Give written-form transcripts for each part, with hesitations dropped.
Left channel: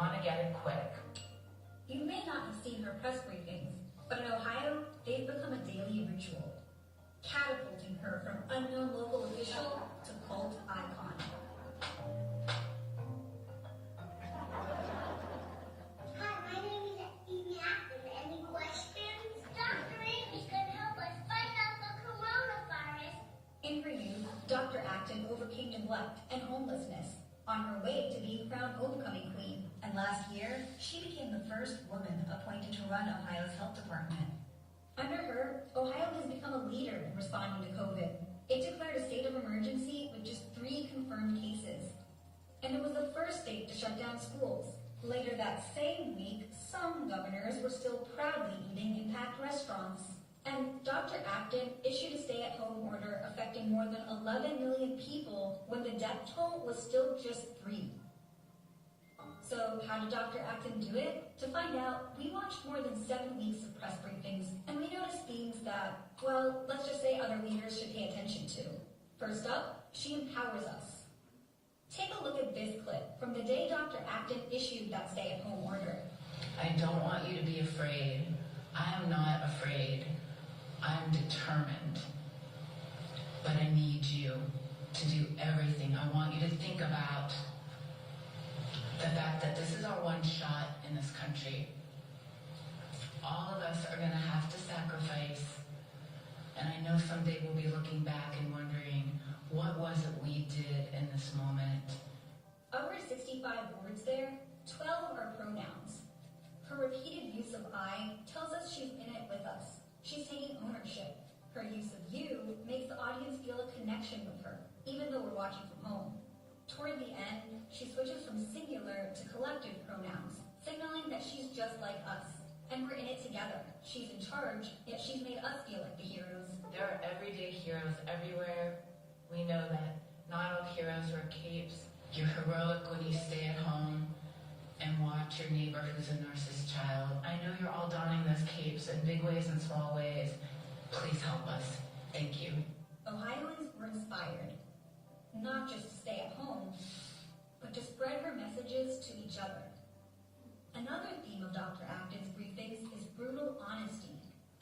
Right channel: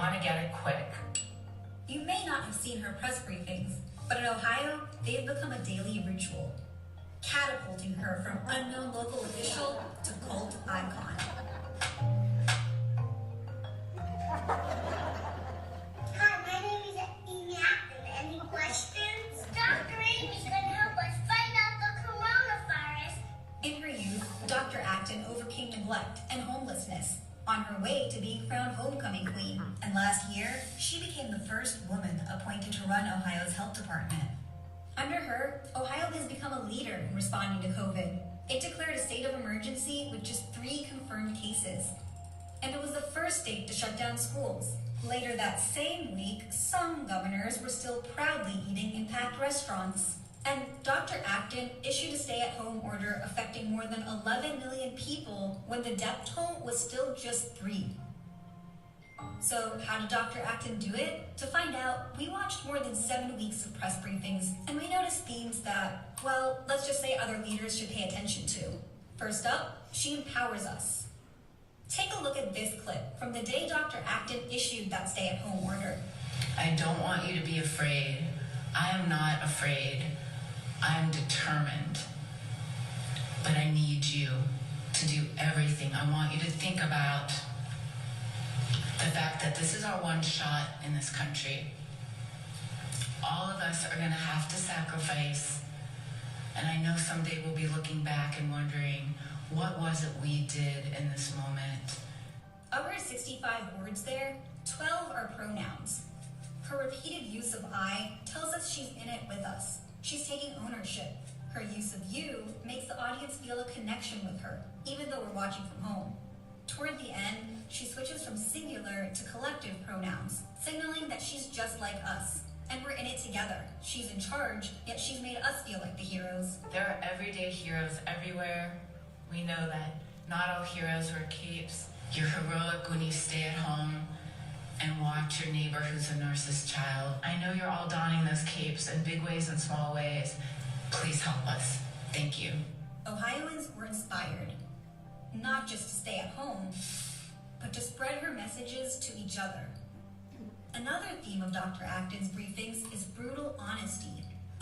want to get it quick. You may not have seen her press briefings, but in Ohio, they've become a daily ritual, catapulting her from unknown local official to cult icon. Hi, my name is Acton. Any questions? Dr. Amy's going to help us find out the coronavirus. In her youth, Dr. Acton overcame neglect and homelessness on her way to being crowned homecoming queen. And last year, she became the first woman appointed to run Ohio's health department. Under her, Ohio has become a leader in responding to COVID. It declared a state of emergency with just 3 confirmed cases. And it was the first state to shut down schools. Later that same week, some governors were still proudly eating in packed restaurants. And Dr. Acton issued a stay-at-home order affecting more than 11 million people when the death toll was still just 3. So how did Dr. Acton do it? To find out, we watched more than 7 weeks of press briefings, and we noticed themes that, well, let's just say other leaders should pay attention to. First up, she empowers us. Take a look at this clip from the day Dr. Acton issued that stay-at-home order. I don't want you to be afraid. I am not afraid. I am determined. But I need you to do everything. I want you to think about the fact that this is our one shot in this country. All of us are going to have to sacrifice. And I know someday we'll be looking back and wondering, what was it we did in this moment? Of her 65 words there, 12 are pronouns. Her repeated use of I tells us she's in it with us. She's taking ownership. Her use of you makes the audience feel a connection with her, even though we're watching from home. Toward the end, she switches from singular to collective pronouns, signaling that she's just like us. And we're in it together. She's in charge, yet she's made us feel like the heroes. There are everyday heroes everywhere. We know that not all heroes wear capes. You're heroic when you stay at home and watch your neighbor who's a nurse's child. I know you're all donning those capes in big ways and small ways. Please help us. Thank you. Ohioans were inspired, not just to stay at home, but to spread her messages to each other. Another theme of Dr. Acton's briefings is brutal honesty.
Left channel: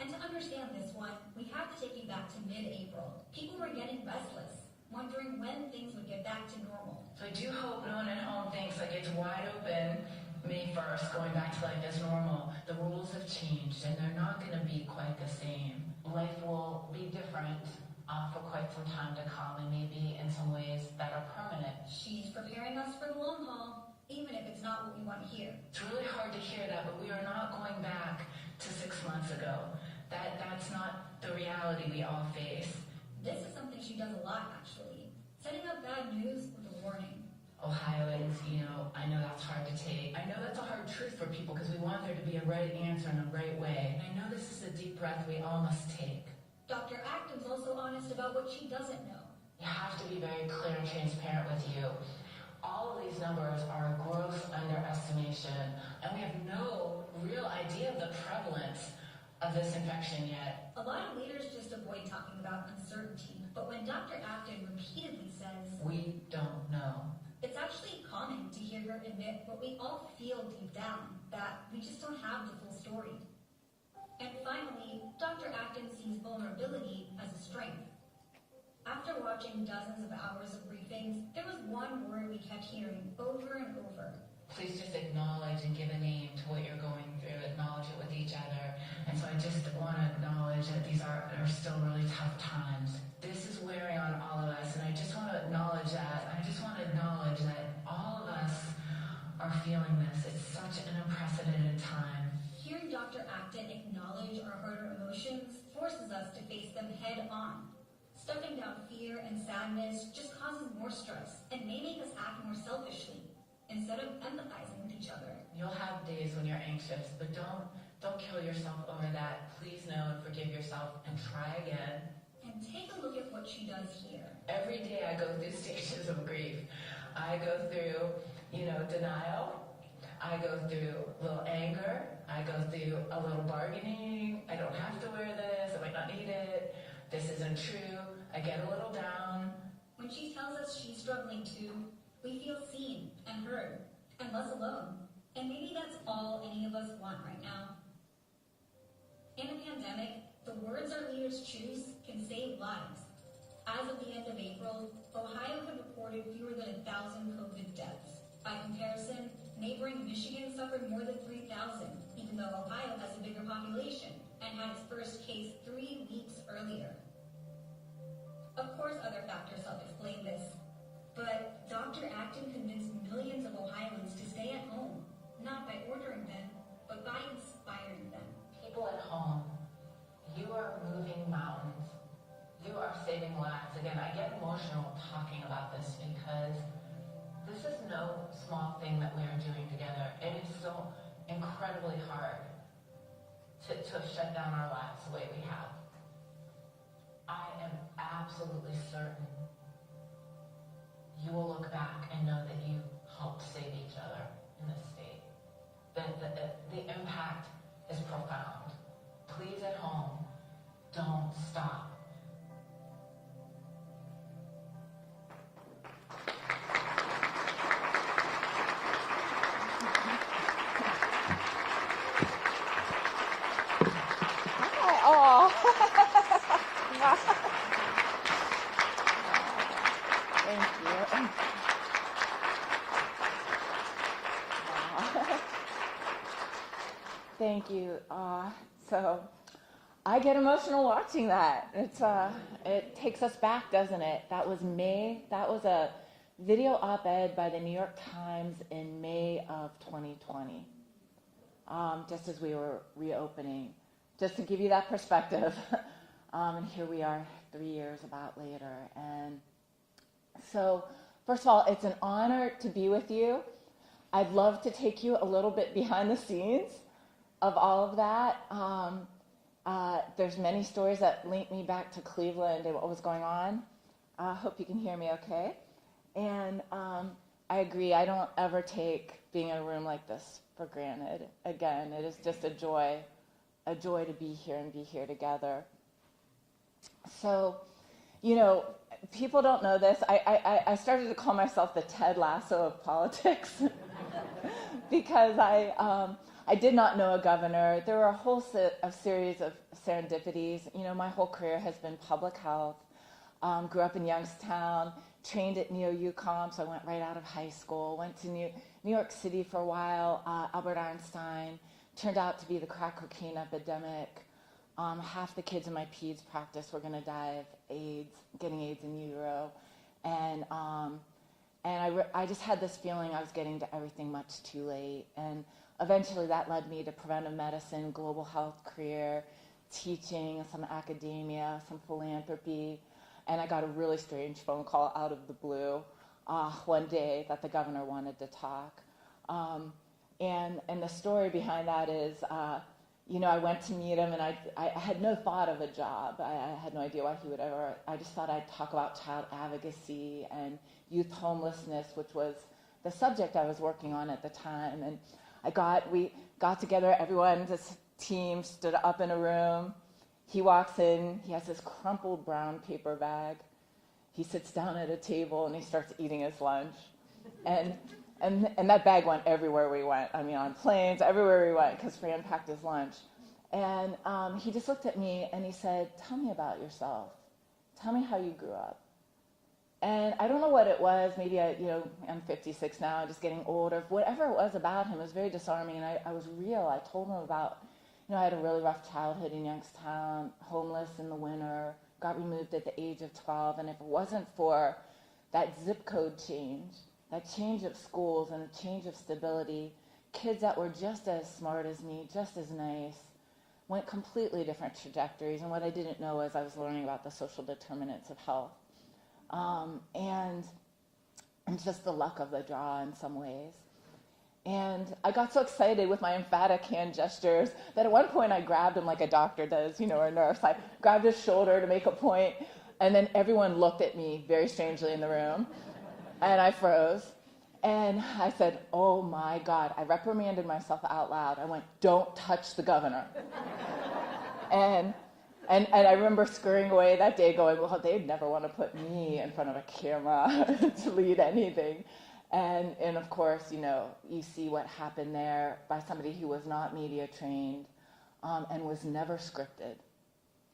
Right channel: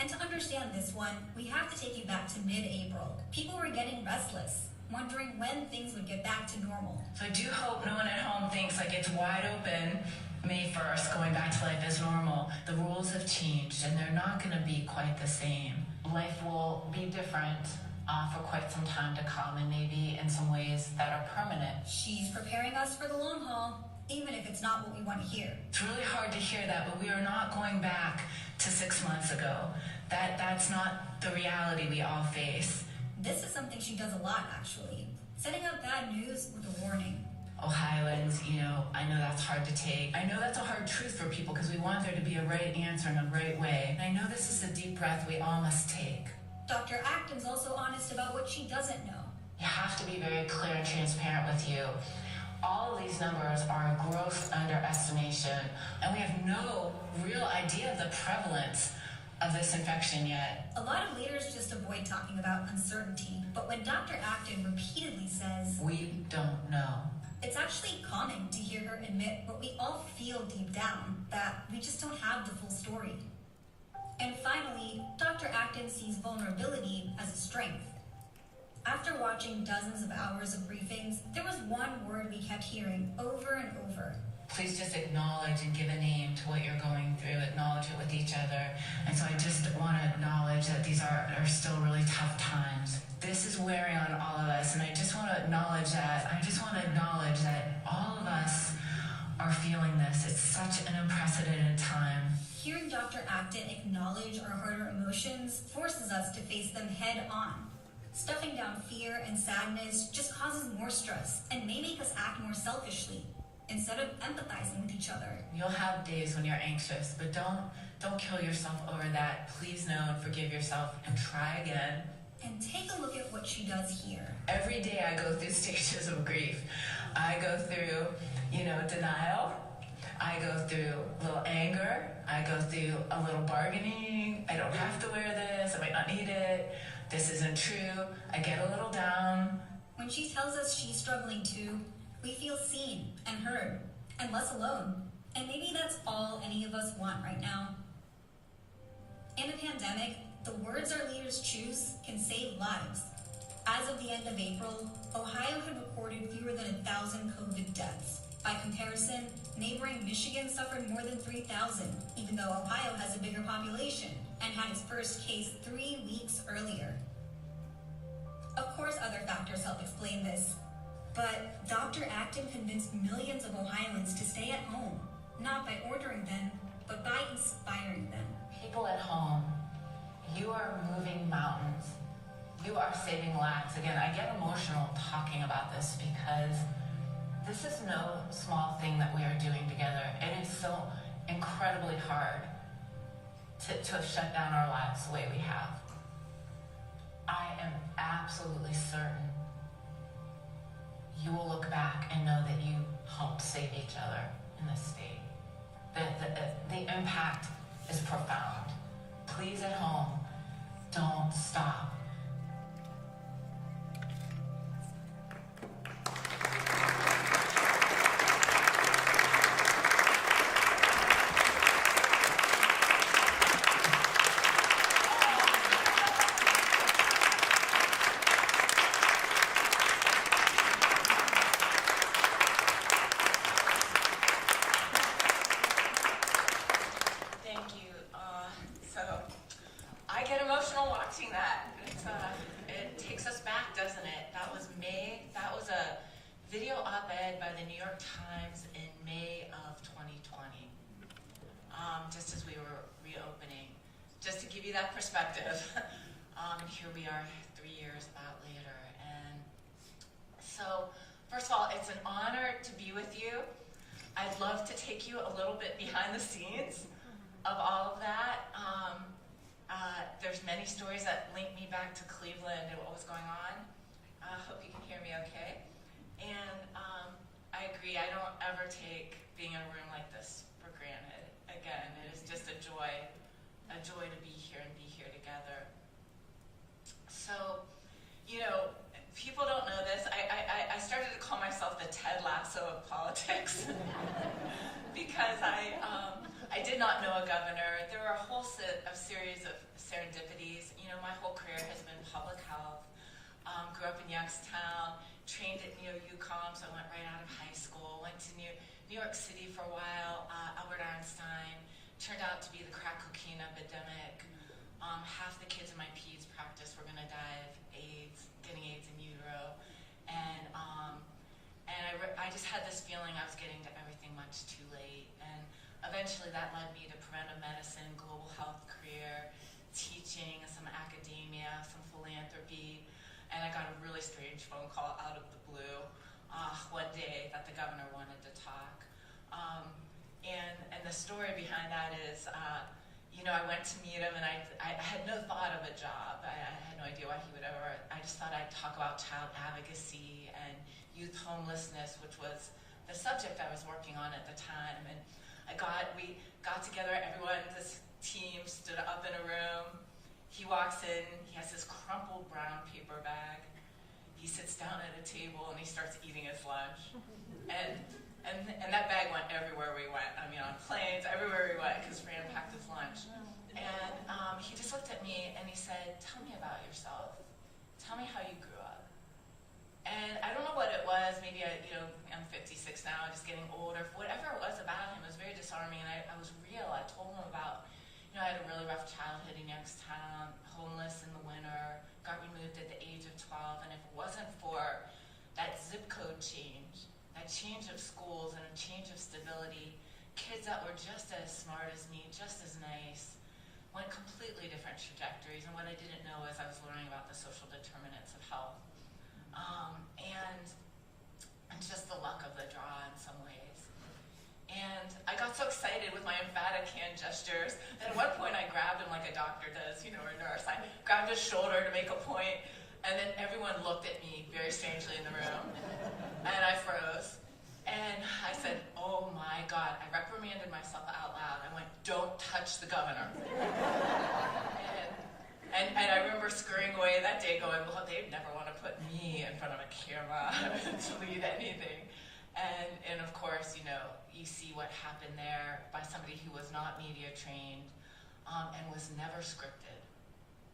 And to understand this one, we have to take you back to mid-April. People were getting restless, wondering when things would get back to normal. So I do hope no one at home thinks like it's wide open May 1st, going back to life as normal. The rules have changed and they're not going to be quite the same. Life will be different for quite some time to come, and maybe in some ways that are permanent. She's preparing us for the long haul, even if it's not what we want to hear. It's really hard to hear that, but we are not going back to 6 months ago. That's not the reality we all face. This is something she does a lot, actually. Setting up bad news with a warning. Ohioans, I know that's hard to take. I know that's a hard truth for people because we want there to be a right answer in a right way. And I know this is a deep breath we all must take. Dr. Acton's also honest about what she doesn't know. You have to be very clear and transparent with you. All of these numbers are a gross underestimation, and we have no real idea of the prevalence of this infection yet. A lot of leaders just avoid talking about uncertainty, but when Dr. Acton repeatedly says, "We don't know," it's actually calming to hear her admit what we all feel deep down, that we just don't have the full story. And finally, Dr. Acton sees vulnerability as a strength. After watching dozens of hours of briefings, there was one word we kept hearing over and over. Please just acknowledge and give a name to what you're going through. Acknowledge it with each other. And so I just want to acknowledge that these are still really tough times. This is wearing on all of us, and I just want to acknowledge that. I just want to acknowledge that all of us are feeling this. It's such an unprecedented time. Hearing Dr. Acton acknowledge our harder emotions forces us to face them head on. Stuffing down fear and sadness just causes more stress and may make us act more selfishly instead of empathizing with each other. You'll have days when you're anxious, but don't kill yourself over that. Please know and forgive yourself and try again. And take a look at what she does here. Every day I go through stages of grief. I go through, denial. I go through a little anger. I go through a little bargaining. I don't have to wear this. I might not need it. This isn't true. I get a little down. When she tells us she's struggling too, we feel seen and heard and less alone. And maybe that's all any of us want right now. In a pandemic, the words our leaders choose can save lives. As of the end of April, Ohio had recorded fewer than 1,000 COVID deaths. By comparison, neighboring Michigan suffered more than 3,000, even though Ohio has a bigger population and had its first case 3 weeks earlier. Of course, other factors help explain this, but Dr. Acton convinced millions of Ohioans to stay at home, not by ordering them, but by inspiring them. People at home, you are moving mountains. You are saving lives. Again, I get emotional talking about this because this is no small thing that we are doing together. It is so incredibly hard to have shut down our lives the way we have. I am absolutely certain you will look back and know that you helped save each other in this state. The impact is profound. Please at home, don't stop. Thank you. So I get emotional watching that. It takes us back, doesn't it? That was May. That was a video op-ed by the New York Times in May of 2020, just as we were reopening. Just to give you that perspective. And here we are 3 years about later. And so, first of all, it's an honor to be with you. I'd love to take you a little bit behind the scenes of all of that. There's many stories that link me back to Cleveland and what was going on. I hope you can hear me okay. And I agree, I don't ever take being in a room like this for granted. Again, it is just a joy to be here and be here together. So, you know, people don't know this. I started to call myself the Ted Lasso of politics because I did not know a governor. There were a whole series of serendipities. You know, my whole career has been public health. Grew up in Youngstown, trained at Neo-UConn, so I went right out of high school. Went to New York City for a while, Albert Einstein. Turned out to be the crack cocaine epidemic. Half the kids in my peds practice were going to die of AIDS, getting AIDS in utero. And I just had this feeling I was getting to everything much too late. And eventually that led me to preventive medicine, global health career, teaching, some academia, some philanthropy. And I got a really strange phone call out of the blue one day that the governor wanted to talk. And the story behind that is, you know, I went to meet him and I had no thought of a job. I had no idea why he would ever, I just thought I'd talk about child advocacy and youth homelessness, which was the subject I was working on at the time. And we got together, everyone, this team stood up in a room. He walks in, he has this crumpled brown paper bag. He sits down at a table and he starts eating his lunch. And that bag went everywhere we went. I mean, on planes, everywhere we went, because Fran packed his lunch. And he just looked at me and he said, "Tell me about yourself. Tell me how you grew up." And I don't know what it was. Maybe I'm 56 now, just getting older. Whatever it was about him, it was very disarming. And I was real. I told him about, you know, I had a really rough childhood in Youngstown, homeless in the winter, got removed at the age of 12. And if it wasn't for that zip code change, that change of schools and a change of stability, kids that were just as smart as me, just as nice, went completely different trajectories. And what I didn't know is I was learning about the social determinants of health. And it's just the luck of the draw in some ways. And I got so excited with my emphatic hand gestures that at one point I grabbed him like a doctor does, you know, or a nurse. I grabbed his shoulder to make a point, and then everyone looked at me very strangely in the room. And I froze. And I said, "Oh my God." I reprimanded myself out loud. I went, "Don't touch the governor." and I remember scurrying away that day going, well, they'd never want to put me in front of a camera to lead anything. And of course, you see what happened there by somebody who was not media trained and was never scripted,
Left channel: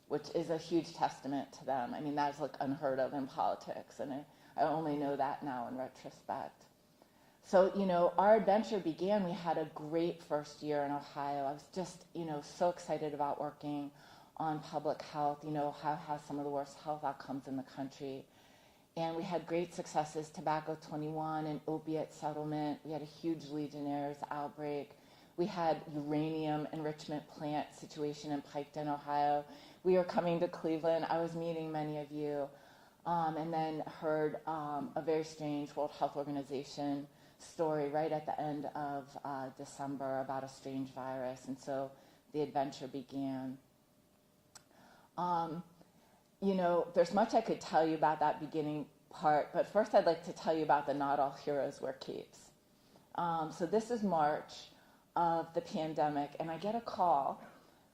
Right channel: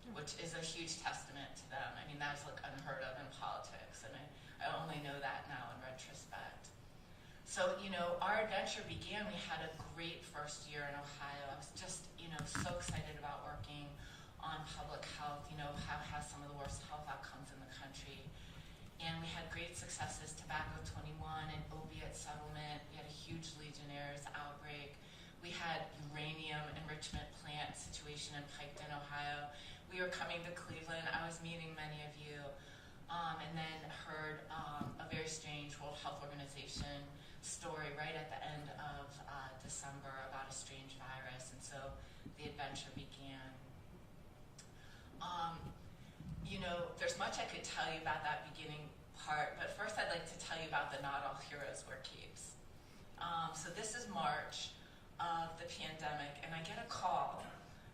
which is a huge testament to them. I mean, that's like unheard of in politics, and I only know that now in retrospect. So, our adventure began. We had a great first year in Ohio. I was just, so excited about working on public health. Ohio has some of the worst health outcomes in the country. And we had great successes, Tobacco 21 and opiate settlement. We had a huge Legionnaires outbreak. We had uranium enrichment plant situation in Payne, Ohio. We were coming to Cleveland. I was meeting many of you, and then heard a very strange World Health Organization story right at the end of December about a strange virus, and so the adventure began. There's much I could tell you about that beginning part, but first I'd like to tell you about the Not All Heroes Wear Capes. So this is March of the pandemic, and I get a call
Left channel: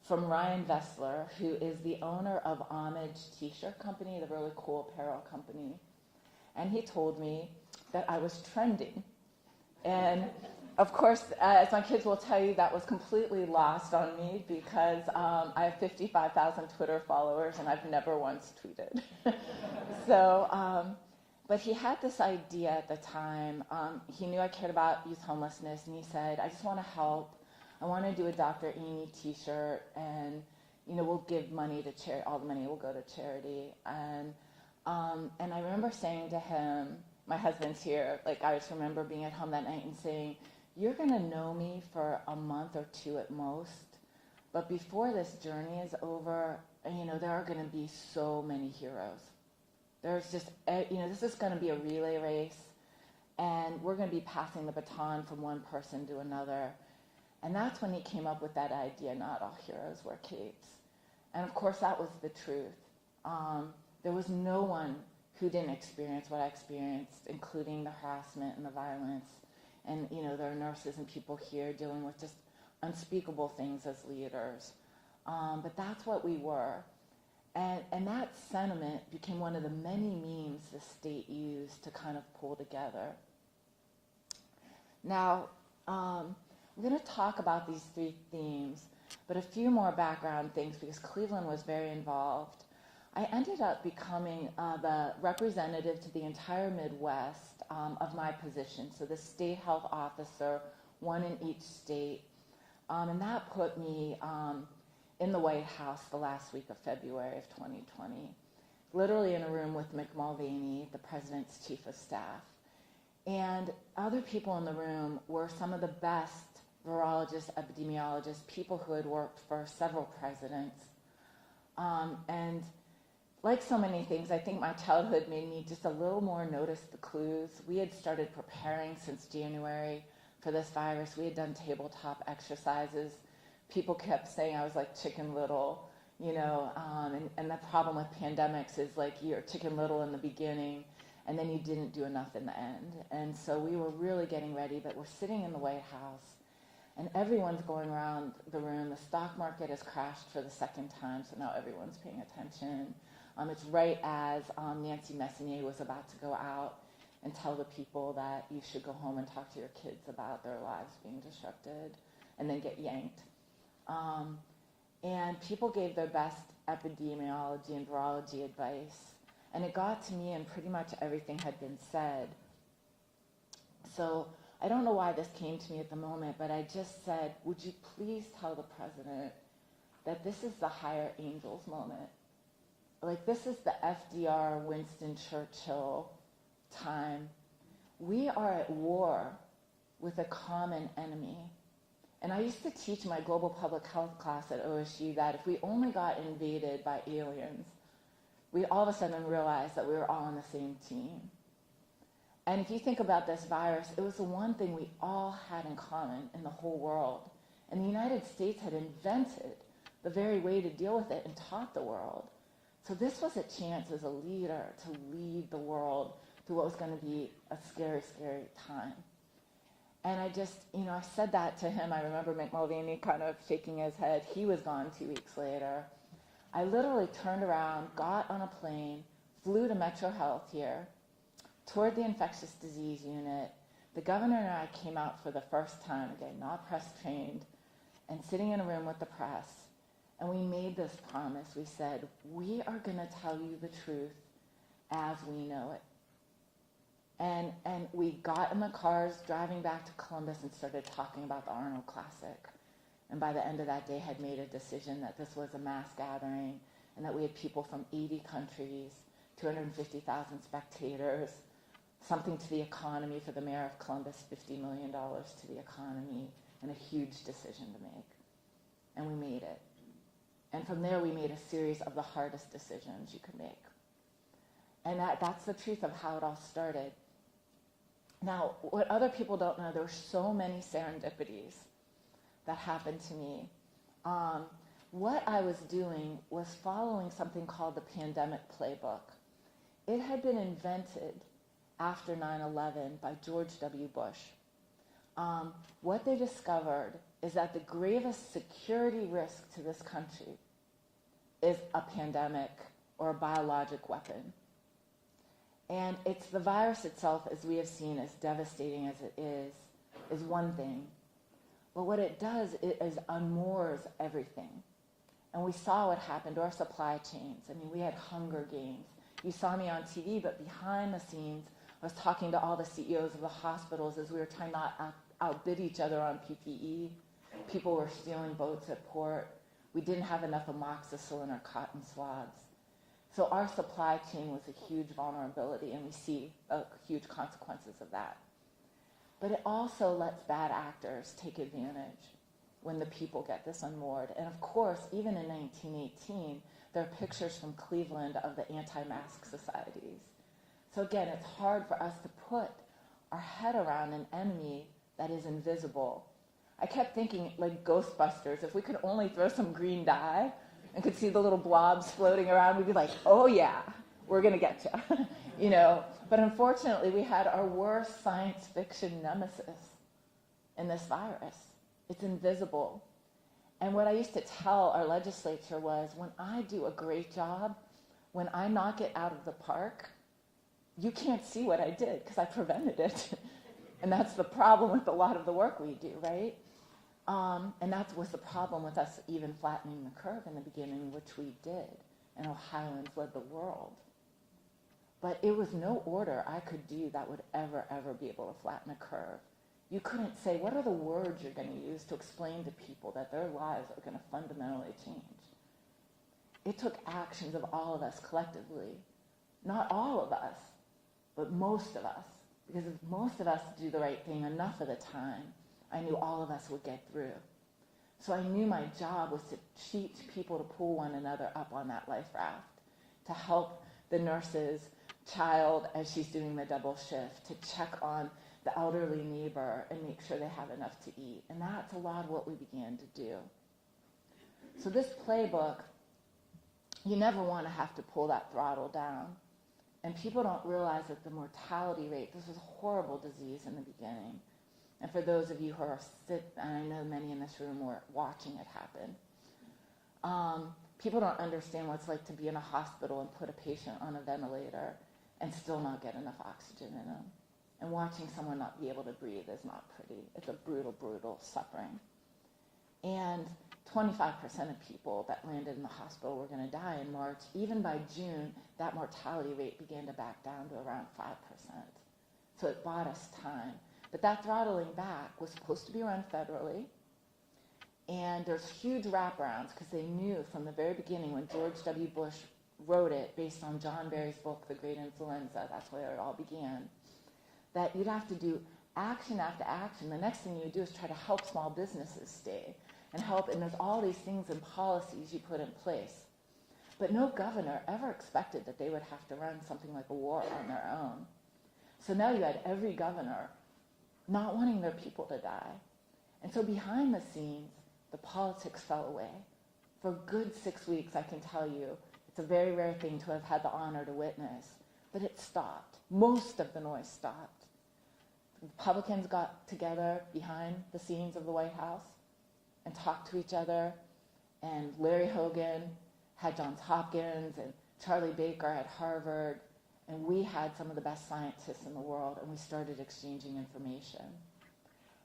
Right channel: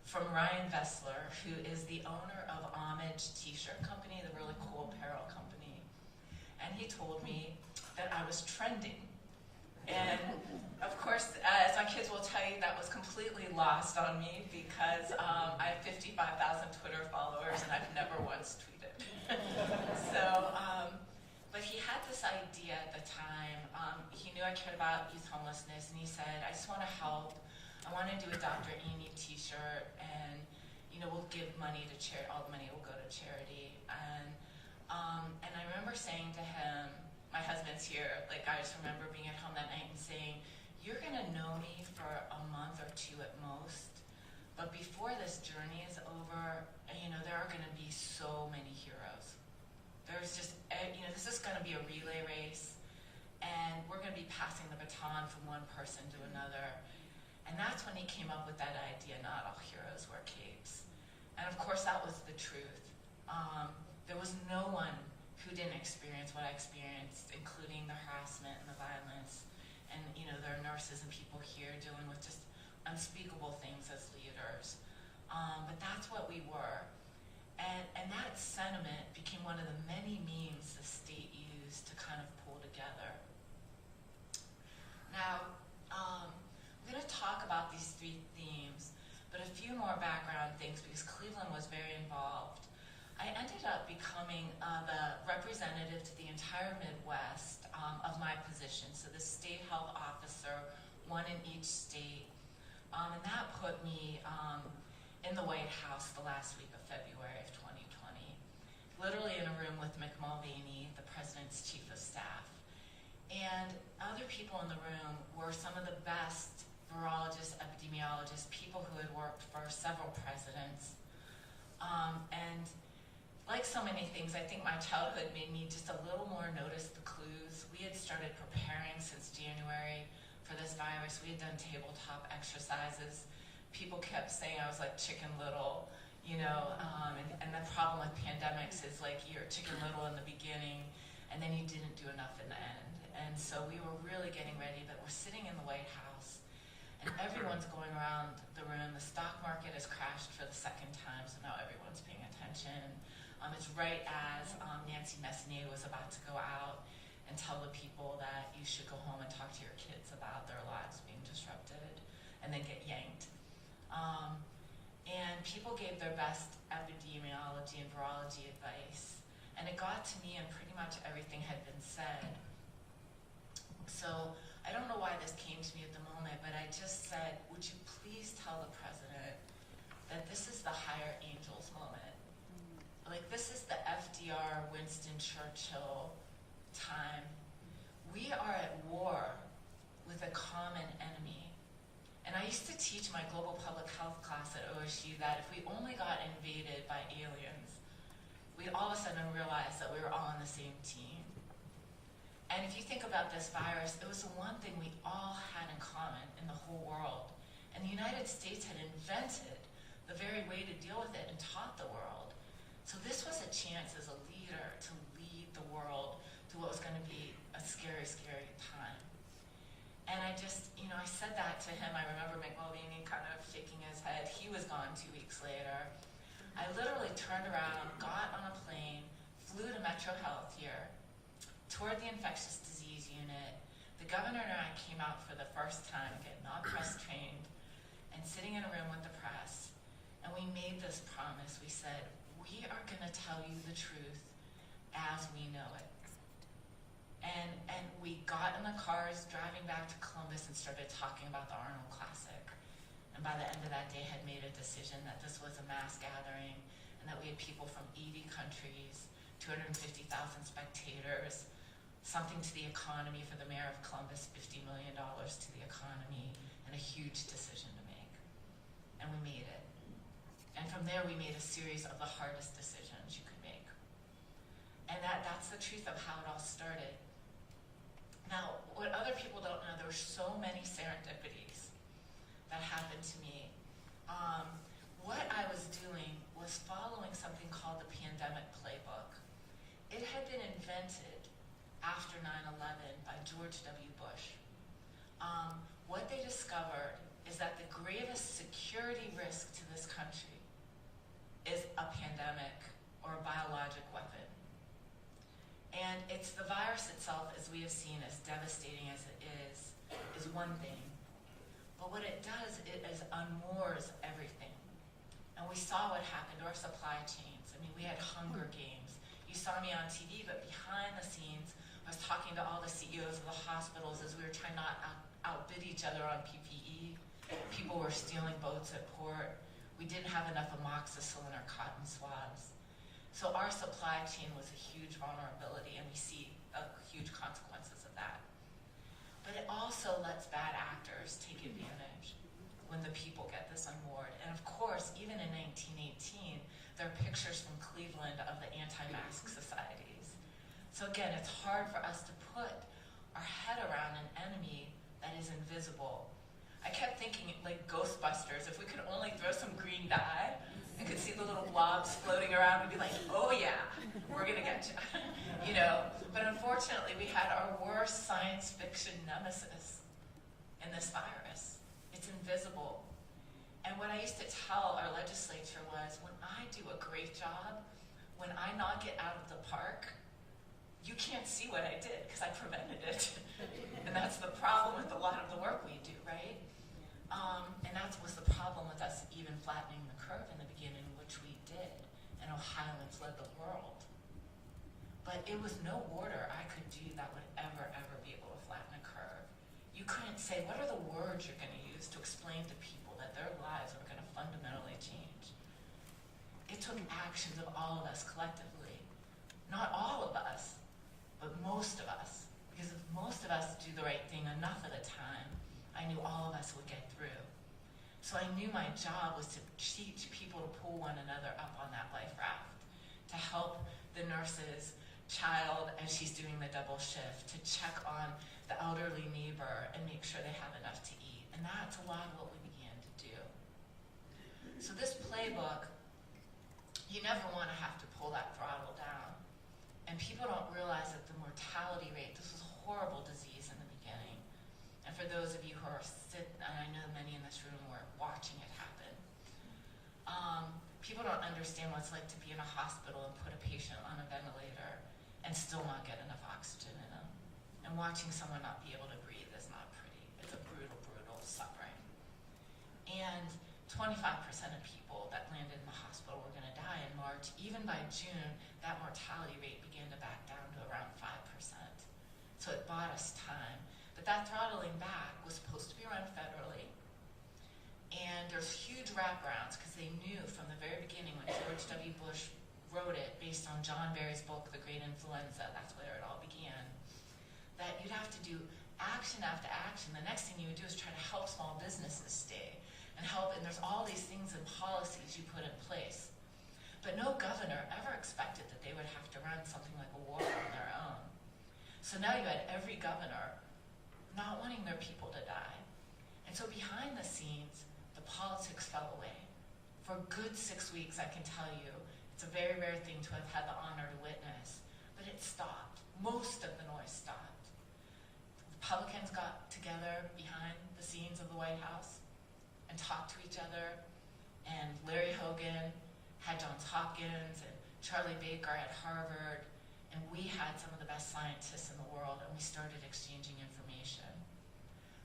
from Ryan Vessler, who is the owner of Homage T-shirt company, the really cool apparel company. And he told me that I was trending. And of course, as my kids will tell you, that was completely lost on me because I have 55,000 Twitter followers and I've never once tweeted. But he had this idea at the time. He knew I cared about youth homelessness, and he said, I just want to help. I want to do a Dr. Amy t-shirt, and we'll give money to charity. All the money will go to charity. And I remember saying to him, my husband's here, I just remember being at home that night and saying, you're going to know me for a month or two at most, but before this journey is over, there are going to be so many heroes. There's just, this is going to be a relay race, and we're going to be passing the baton from one person to another. And that's when he came up with that idea, Not All Heroes Wear Capes. And of course, that was the truth. There was no one who didn't experience what I experienced, including the harassment and the violence. And, there are nurses and people here dealing with just unspeakable things as leaders. But that's what we were. And that sentiment became one of the many memes the state used to kind of pull together. Now, we're going to talk about these three themes, but a few more background things because Cleveland was very involved. I ended up becoming the representative to the entire Midwest of my position, so the state health officer, one in each state, and that put me in the White House the last week of February of 2020, literally in a room with Mick Mulvaney, the president's chief of staff. And other people in the room were some of the best virologists, epidemiologists, people who had worked for several presidents. And like so many things, I think my childhood made me just a little more notice the clues. We had started preparing since January for this virus. We had done tabletop exercises. People kept saying I was like Chicken Little, and the problem with pandemics is you're Chicken Little in the beginning, and then you didn't do enough in the end. And so we were really getting ready, but we're sitting in the White House, and everyone's going around the room. The stock market has crashed for the second time, so now everyone's paying attention. It's right as Nancy Messonnier was about to go out and tell the people that you should go home and talk to your kids about their lives being disrupted, and then get yanked. And people gave their best epidemiology and virology advice, and it got to me and pretty much everything had been said. So I don't know why this came to me at the moment, but I just said, would you please tell the president that this is the higher angels moment? This is the FDR, Winston Churchill time. We are at war with a common enemy. And I used to teach my global public health class at OSU that if we only got invaded by aliens, we all of a sudden realized that we were all on the same team. And if you think about this virus, it was the one thing we all had in common in the whole world. And the United States had invented the very way to deal with it and taught the world. So this was a chance as a leader to lead the world through what was going to be a scary, scary time. And I just, I said that to him. I remember Mick Mulvaney kind of shaking his head. He was gone 2 weeks later. I literally turned around, got on a plane, flew to Metro Health here, toured the infectious disease unit, the governor and I came out for the first time, again, not press trained, and sitting in a room with the press, and we made this promise. We said, we are going to tell you the truth as we know it. And we got in the cars driving back to Columbus and started talking about the Arnold Classic. And by the end of that day had made a decision that this was a mass gathering and that we had people from 80 countries, 250,000 spectators, something to the economy for the mayor of Columbus, $50 million to the economy, and a huge decision to make. And we made it. And from there we made a series of the hardest decisions you could make. And that's the truth of how it all started. Now, what other people don't know, there were so many serendipities that happened to me. What I was doing was following something called the pandemic playbook. It had been invented after 9/11 by George W. Bush. What they discovered is that the gravest security risk to this country is a pandemic or a biologic weapon. And it's the virus itself, as we have seen, as devastating as it is one thing. But what it does is unmoors everything. And we saw what happened to our supply chains. I mean, we had Hunger Games. You saw me on TV, but behind the scenes, I was talking to all the CEOs of the hospitals as we were trying not to outbid each other on PPE. People were stealing boats at port. We didn't have enough amoxicillin or cotton swabs. So our supply chain was a huge vulnerability, and we see huge consequences of that. But it also lets bad actors take advantage when the people get this unmoored. And of course, even in 1918, there are pictures from Cleveland of the anti-mask societies. So again, it's hard for us to put our head around an enemy that is invisible. I kept thinking, like Ghostbusters, if we could only throw some green dye and could see the little blobs floating around, we'd be like, oh yeah, we're gonna get you, But unfortunately, we had our worst science fiction nemesis in this virus. It's invisible. And what I used to tell our legislature was, when I do a great job, when I knock it out of the park, you can't see what I did because I prevented it. And that's the problem with a lot of the work we do, right? And that was the problem with us even flattening the curve in the beginning, which we did. And Ohioans led the world. But it was no order I could do that would ever be able to flatten a curve. You couldn't say, what are the words you're going to use to explain to people that their lives are going to fundamentally change? It took actions of all of us collectively. Not all of us, but most of us. Because if most of us do the right thing enough of the time, I knew all of us would get through. So I knew my job was to teach people to pull one another up on that life raft, to help the nurse's child as she's doing the double shift, to check on the elderly neighbor and make sure they have enough to eat. And that's a lot of what we began to do. So this playbook, you never want to have to pull that throttle down. And people don't realize that the mortality rate, this was a horrible disease in the beginning. And for those of you who are sick, and I know many in this room were watching it happen, people don't understand what it's like to be in a hospital and put a patient on a ventilator and still not get enough oxygen in them. And watching someone not be able to breathe is not pretty. It's a brutal, brutal suffering. And 25% of people that landed in the hospital were going to die in March. Even by June, that mortality rate began to back down to around 5%. So it bought us time. But that throttling back was supposed to be run federally. And there's huge wraparounds because they knew from the very beginning when George W. Bush wrote it based on John Barry's book, The Great Influenza, that's where it all began, that you'd have to do action after action. The next thing you do is try to help small businesses stay and help, and there's all these things and policies you put in place. But no governor ever expected that they would have to run something like a war on their own. So now you had every governor not wanting their people to die. And so behind the scenes, the politics fell away. For a good 6 weeks, I can tell you, it's a very rare thing to have had the honor to witness, but it stopped. Most of the noise stopped. Republicans got together behind the scenes of the White House and talked to each other, and Larry Hogan had Johns Hopkins and Charlie Baker at Harvard, And we had some of the best scientists in the world, and we started exchanging information.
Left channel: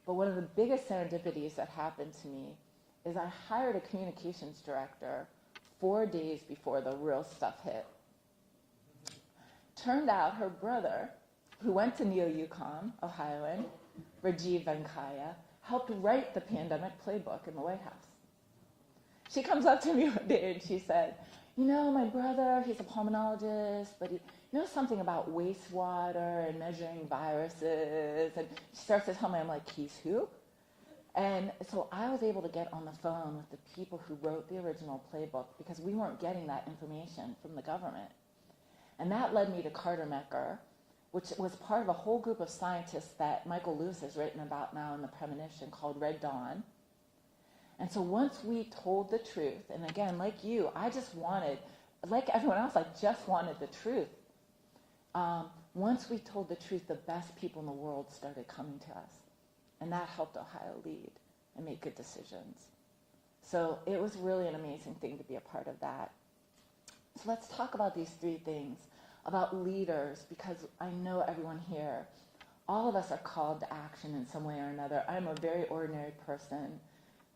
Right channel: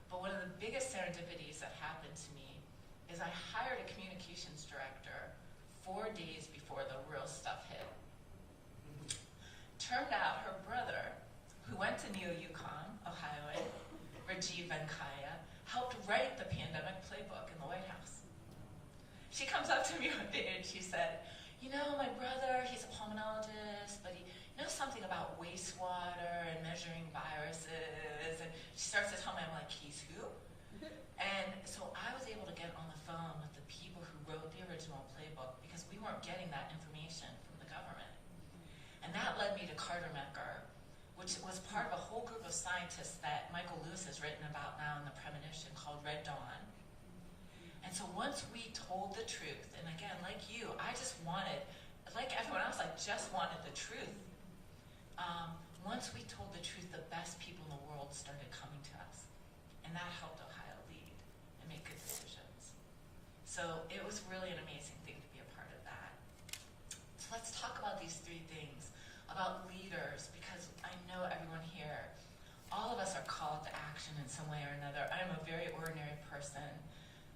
But one of the biggest serendipities that happened to me is I hired a communications director 4 days before the real stuff hit. Turned out her brother, who went to Neo-UConn, Ohioan, Rajiv Venkaya, helped write the pandemic playbook in the White House. She comes up to me one day and she said, you know, my brother, he's a pulmonologist, but he knows something about wastewater and measuring viruses. And she starts to tell me, I'm like, he's who? And so I was able to get on the phone with the people who wrote the original playbook because we weren't getting that information from the government. And that led me to Carter Mecker, which was part of a whole group of scientists that Michael Lewis has written about now in the premonition called Red Dawn. And so once we told the truth, and again, like you, I just wanted, like everyone else, I just wanted the truth. Once we told the truth, the best people in the world started coming to us. And that helped Ohio lead and make good decisions. So it was really an amazing thing to be a part of that. So let's talk about these 3 things, about leaders, because I know everyone here, all of us are called to action in some way or another. I'm a very ordinary person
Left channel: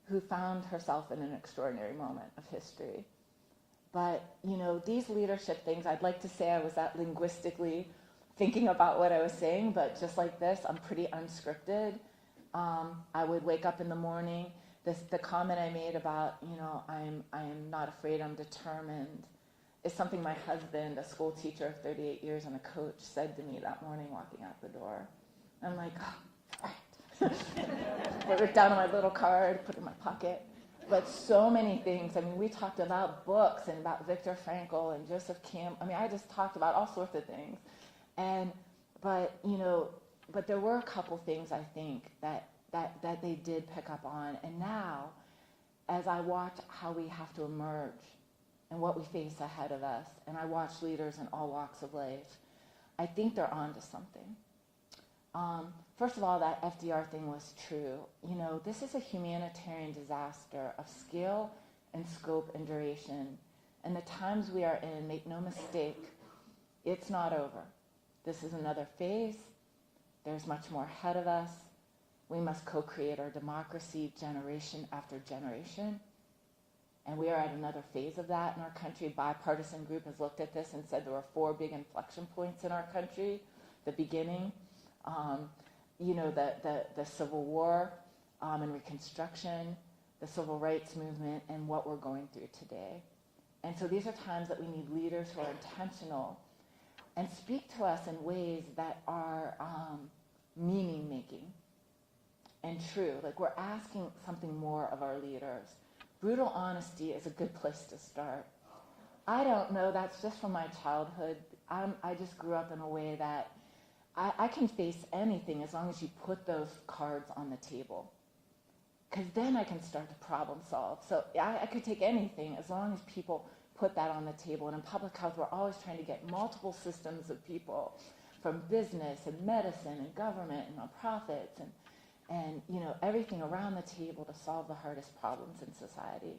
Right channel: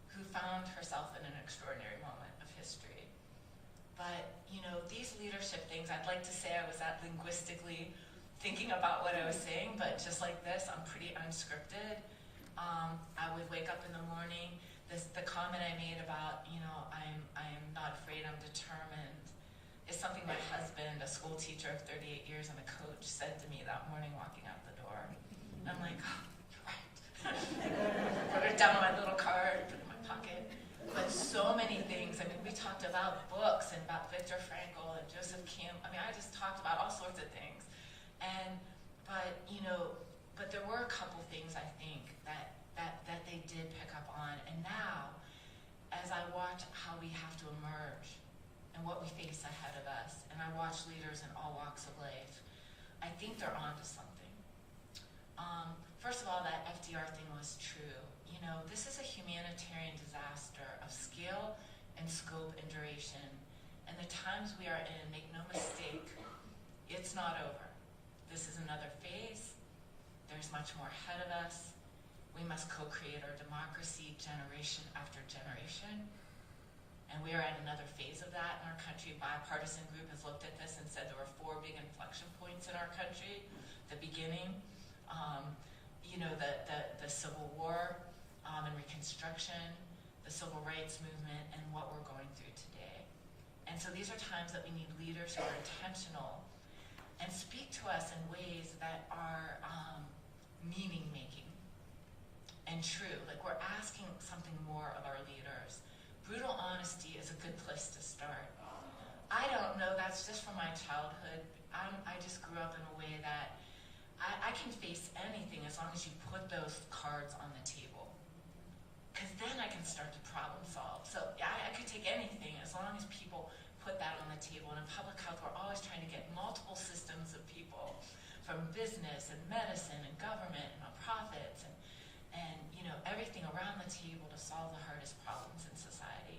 who found herself in an extraordinary moment of history. But, you know, these leadership things, I'd like to say I was that linguistically thinking about what I was saying, but just like this, I'm pretty unscripted. I would wake up in the morning. The comment I made about, you know, I'm not afraid, I'm determined, is something my husband, a school teacher of 38 years and a coach, said to me that morning walking out the door. I'm like, oh, all right. Wrote it down on my little card, put it in my pocket. But so many things. I mean, we talked about books and about Viktor Frankl and Joseph Campbell. I mean, I just talked about all sorts of things. But there were a couple things I think that they did pick up on. And now, as I watch how we have to emerge and what we face ahead of us, and I watch leaders in all walks of life, I think they're onto something. First of all, that FDR thing was true. You know, this is a humanitarian disaster of scale and scope and duration. And the times we are in, make no mistake, it's not over. This is another phase. There's much more ahead of us. We must co-create our democracy generation after generation. And we are at another phase of that in our country. A bipartisan group has looked at this and said there were 4 big inflection points in our country. The beginning, the Civil War and Reconstruction, the Civil Rights Movement, and what we're going through today. And so these are times that we need leaders who are intentional and speak to us in ways that are meaning-making and true. Like we're asking something more of our leaders. Brutal honesty is a good place to start. I don't know, that's just from my childhood. I just grew up in a way that I can face anything as long as you put those cards on the table. Because then I can start to problem solve. So I could take anything as long as people put that on the table. And in public health, we're always trying to get multiple systems of people from business and medicine and government and nonprofits and everything around the table to solve the hardest problems in society.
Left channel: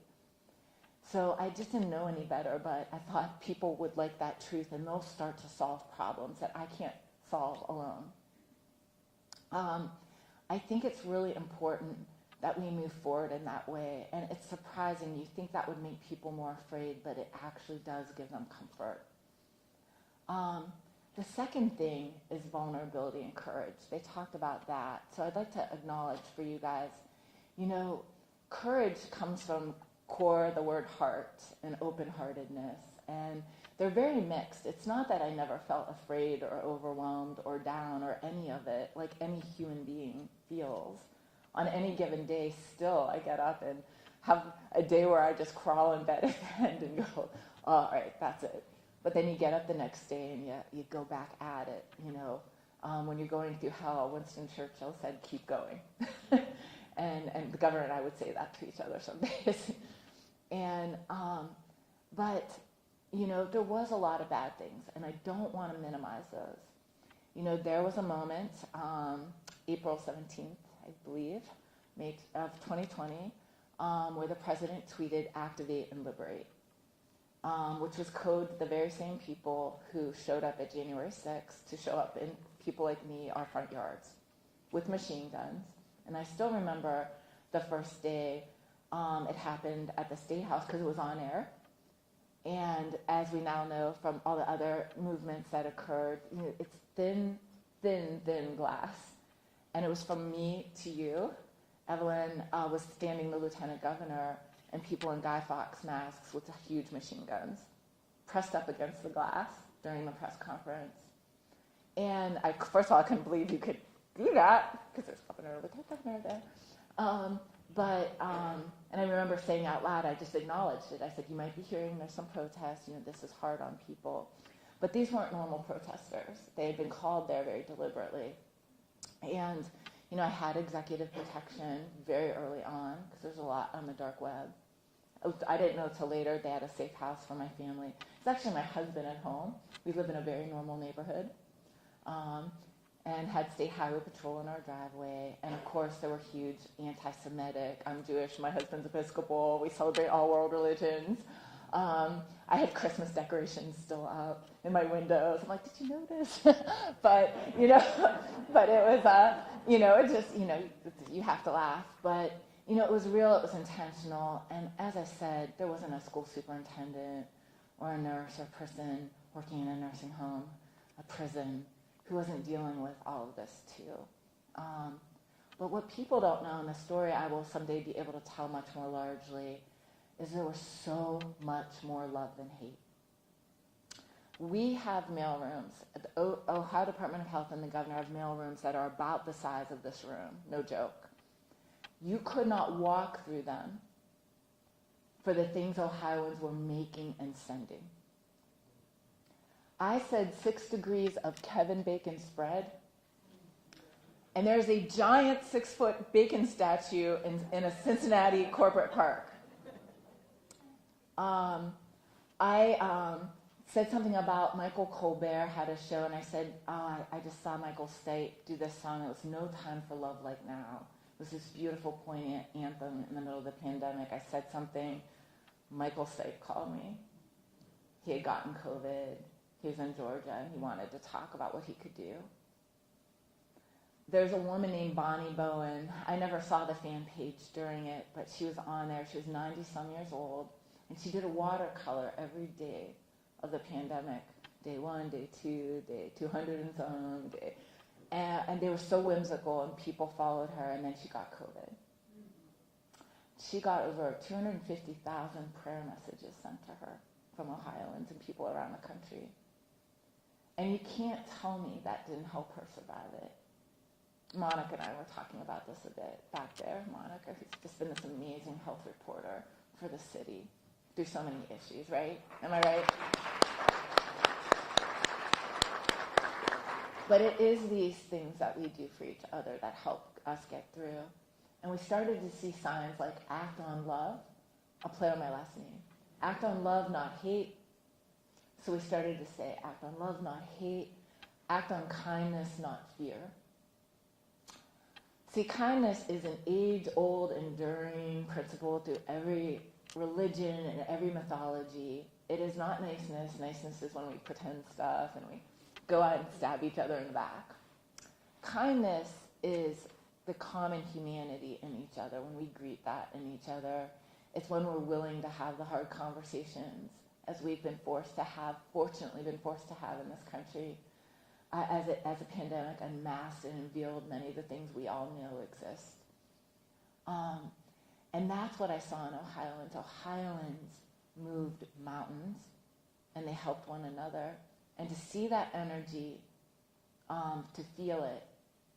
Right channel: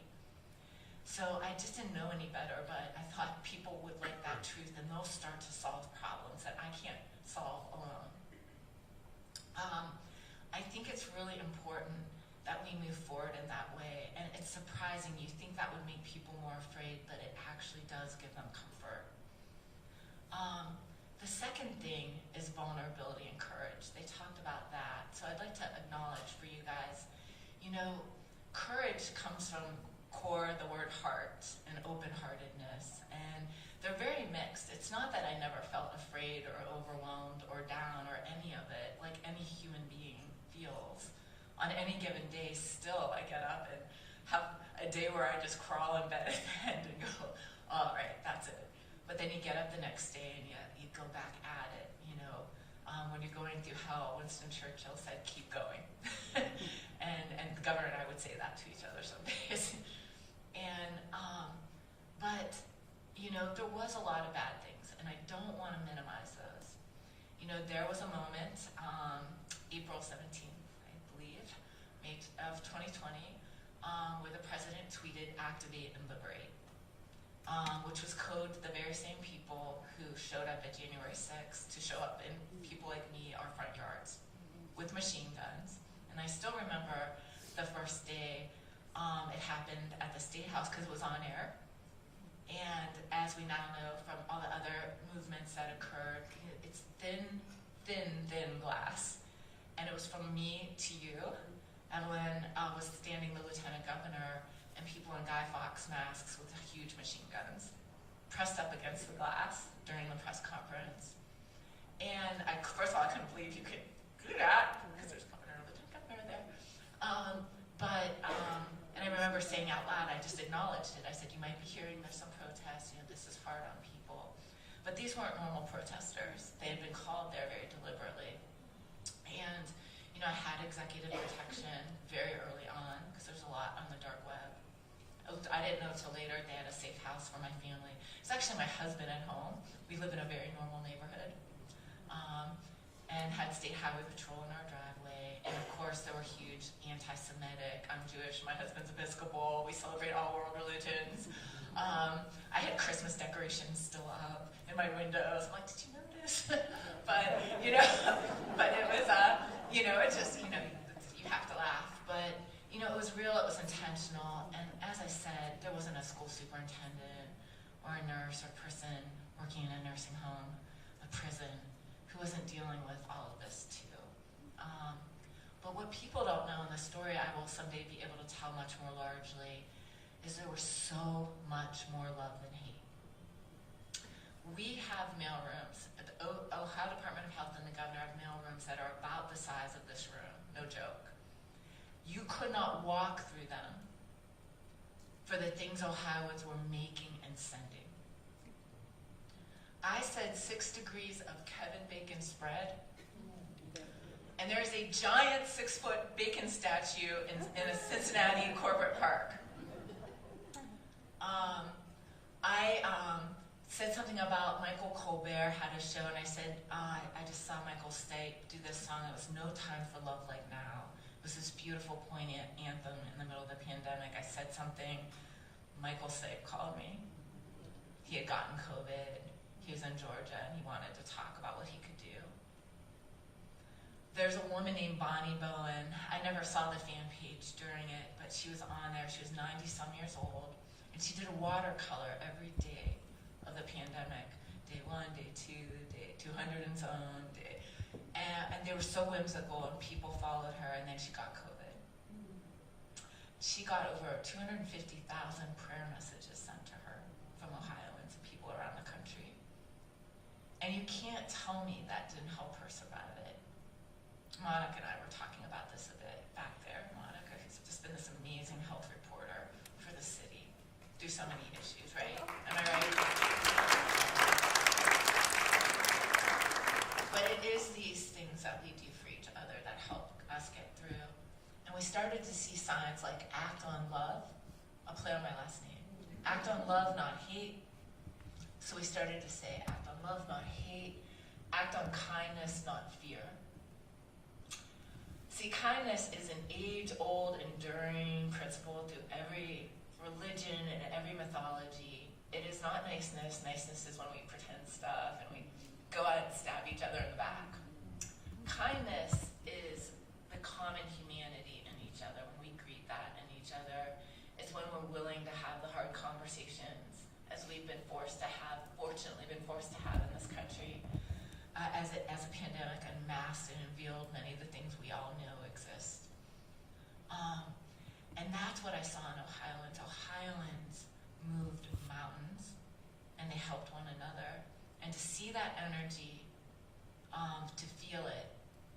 So I just didn't know any better, but I thought people would like that truth and they'll start to solve problems that I can't solve alone. I think it's really important that we move forward in that way. And it's surprising. You think that would make people more afraid, but it actually does give them comfort. The second thing is vulnerability and courage. They talked about that. So I'd like to acknowledge for you guys, courage comes from core, the word heart, and open-heartedness. And they're very mixed. It's not that I never felt afraid or overwhelmed or down or any of it, like any human being feels. On any given day, still, I get up and have a day where I just crawl in bed and go, oh, all right, that's it. But then you get up the next day and you go back at it, When you're going through hell, Winston Churchill said, keep going. and the governor and I would say that to each other some days. But there was a lot of bad things, and I don't want to minimize those. There was a moment, April 17th, I believe, May of 2020, where the president tweeted, activate and liberate. which was code for the very same people who showed up at January 6th to show up in people like me, our front yards, with machine guns. And I still remember the first day it happened at the State House because it was on air. And as we now know from all the other movements that occurred, it's thin, thin, thin glass. And it was from me to you. Evelyn was standing the lieutenant governor and people in Guy Fawkes masks with huge machine guns pressed up against the glass during the press conference. And first of all, I couldn't believe you could do that because there's lieutenant governor there. And I remember saying out loud, I just acknowledged it. I said, you might be hearing there's some protests, this is hard on people. But these weren't normal protesters. They had been called there very deliberately. And, I had executive protection very early on because there's a lot on the dark web. I didn't know until later they had a safe house for my family. It's actually my husband at home. We live in a very normal neighborhood. And had state highway patrol in our driveway. And of course, there were huge anti-Semitic. I'm Jewish, my husband's Episcopal. We celebrate all world religions. I had Christmas decorations still up in my windows. I'm like, did you notice? But it was, it just, you have to laugh. But, it was real, it was intentional. And as I said, there wasn't a school superintendent or a nurse or person working in a nursing home, a prison, who wasn't dealing with all of this too. But what people don't know, and the story I will someday be able to tell much more largely, is there was so much more love than hate. We have mailrooms. The Ohio Department of Health and the governor have mailrooms that are about the size of this room, no joke. You could not walk through them for the things Ohioans were making and sending. I said 6 degrees of Kevin Bacon spread, and there's a giant 6-foot bacon statue in a Cincinnati corporate park. I said something about Michael Colbert had a show, and I said, I just saw Michael do this song. It was No Time for Love Like Now. It was this beautiful, poignant anthem in the middle of the pandemic. I said something. Michael said he called me. He had gotten COVID. He was in Georgia, and he wanted to talk about what he could do. There's a woman named Bonnie Bowen. I never saw the fan page during it, but she was on there. She was 90-some years old, and she did a watercolor every day of the pandemic. Day 1, day 2, day 200 and some, day. And they were so whimsical, and people followed her, and then she got COVID. She got over 250,000 prayer messages sent to her from Ohioans and people around the country. And you can't tell me that didn't help her survive it. Monica and I were talking about this a bit back there. Monica has just been this amazing health reporter for the city through so many issues, right? Am I right? But it is these things that we do for each other that help us get through. And we started to see signs like act on love. I'll play on my last name. Act on love, not hate. So we started to say, act on love, not hate. Act on kindness, not fear. See, kindness is an age-old, enduring principle through every religion and every mythology. It is not niceness. Niceness is when we pretend stuff and we go out and stab each other in the back. Kindness is the common humanity in each other, when we greet that in each other. It's when we're willing to have the hard conversations, as we've been fortunately been forced to have in this country, as a pandemic unmasked and revealed many of the things we all know exist. And that's what I saw in Ohioans. Ohioans moved mountains, and they helped one another. And to see that energy, to feel it,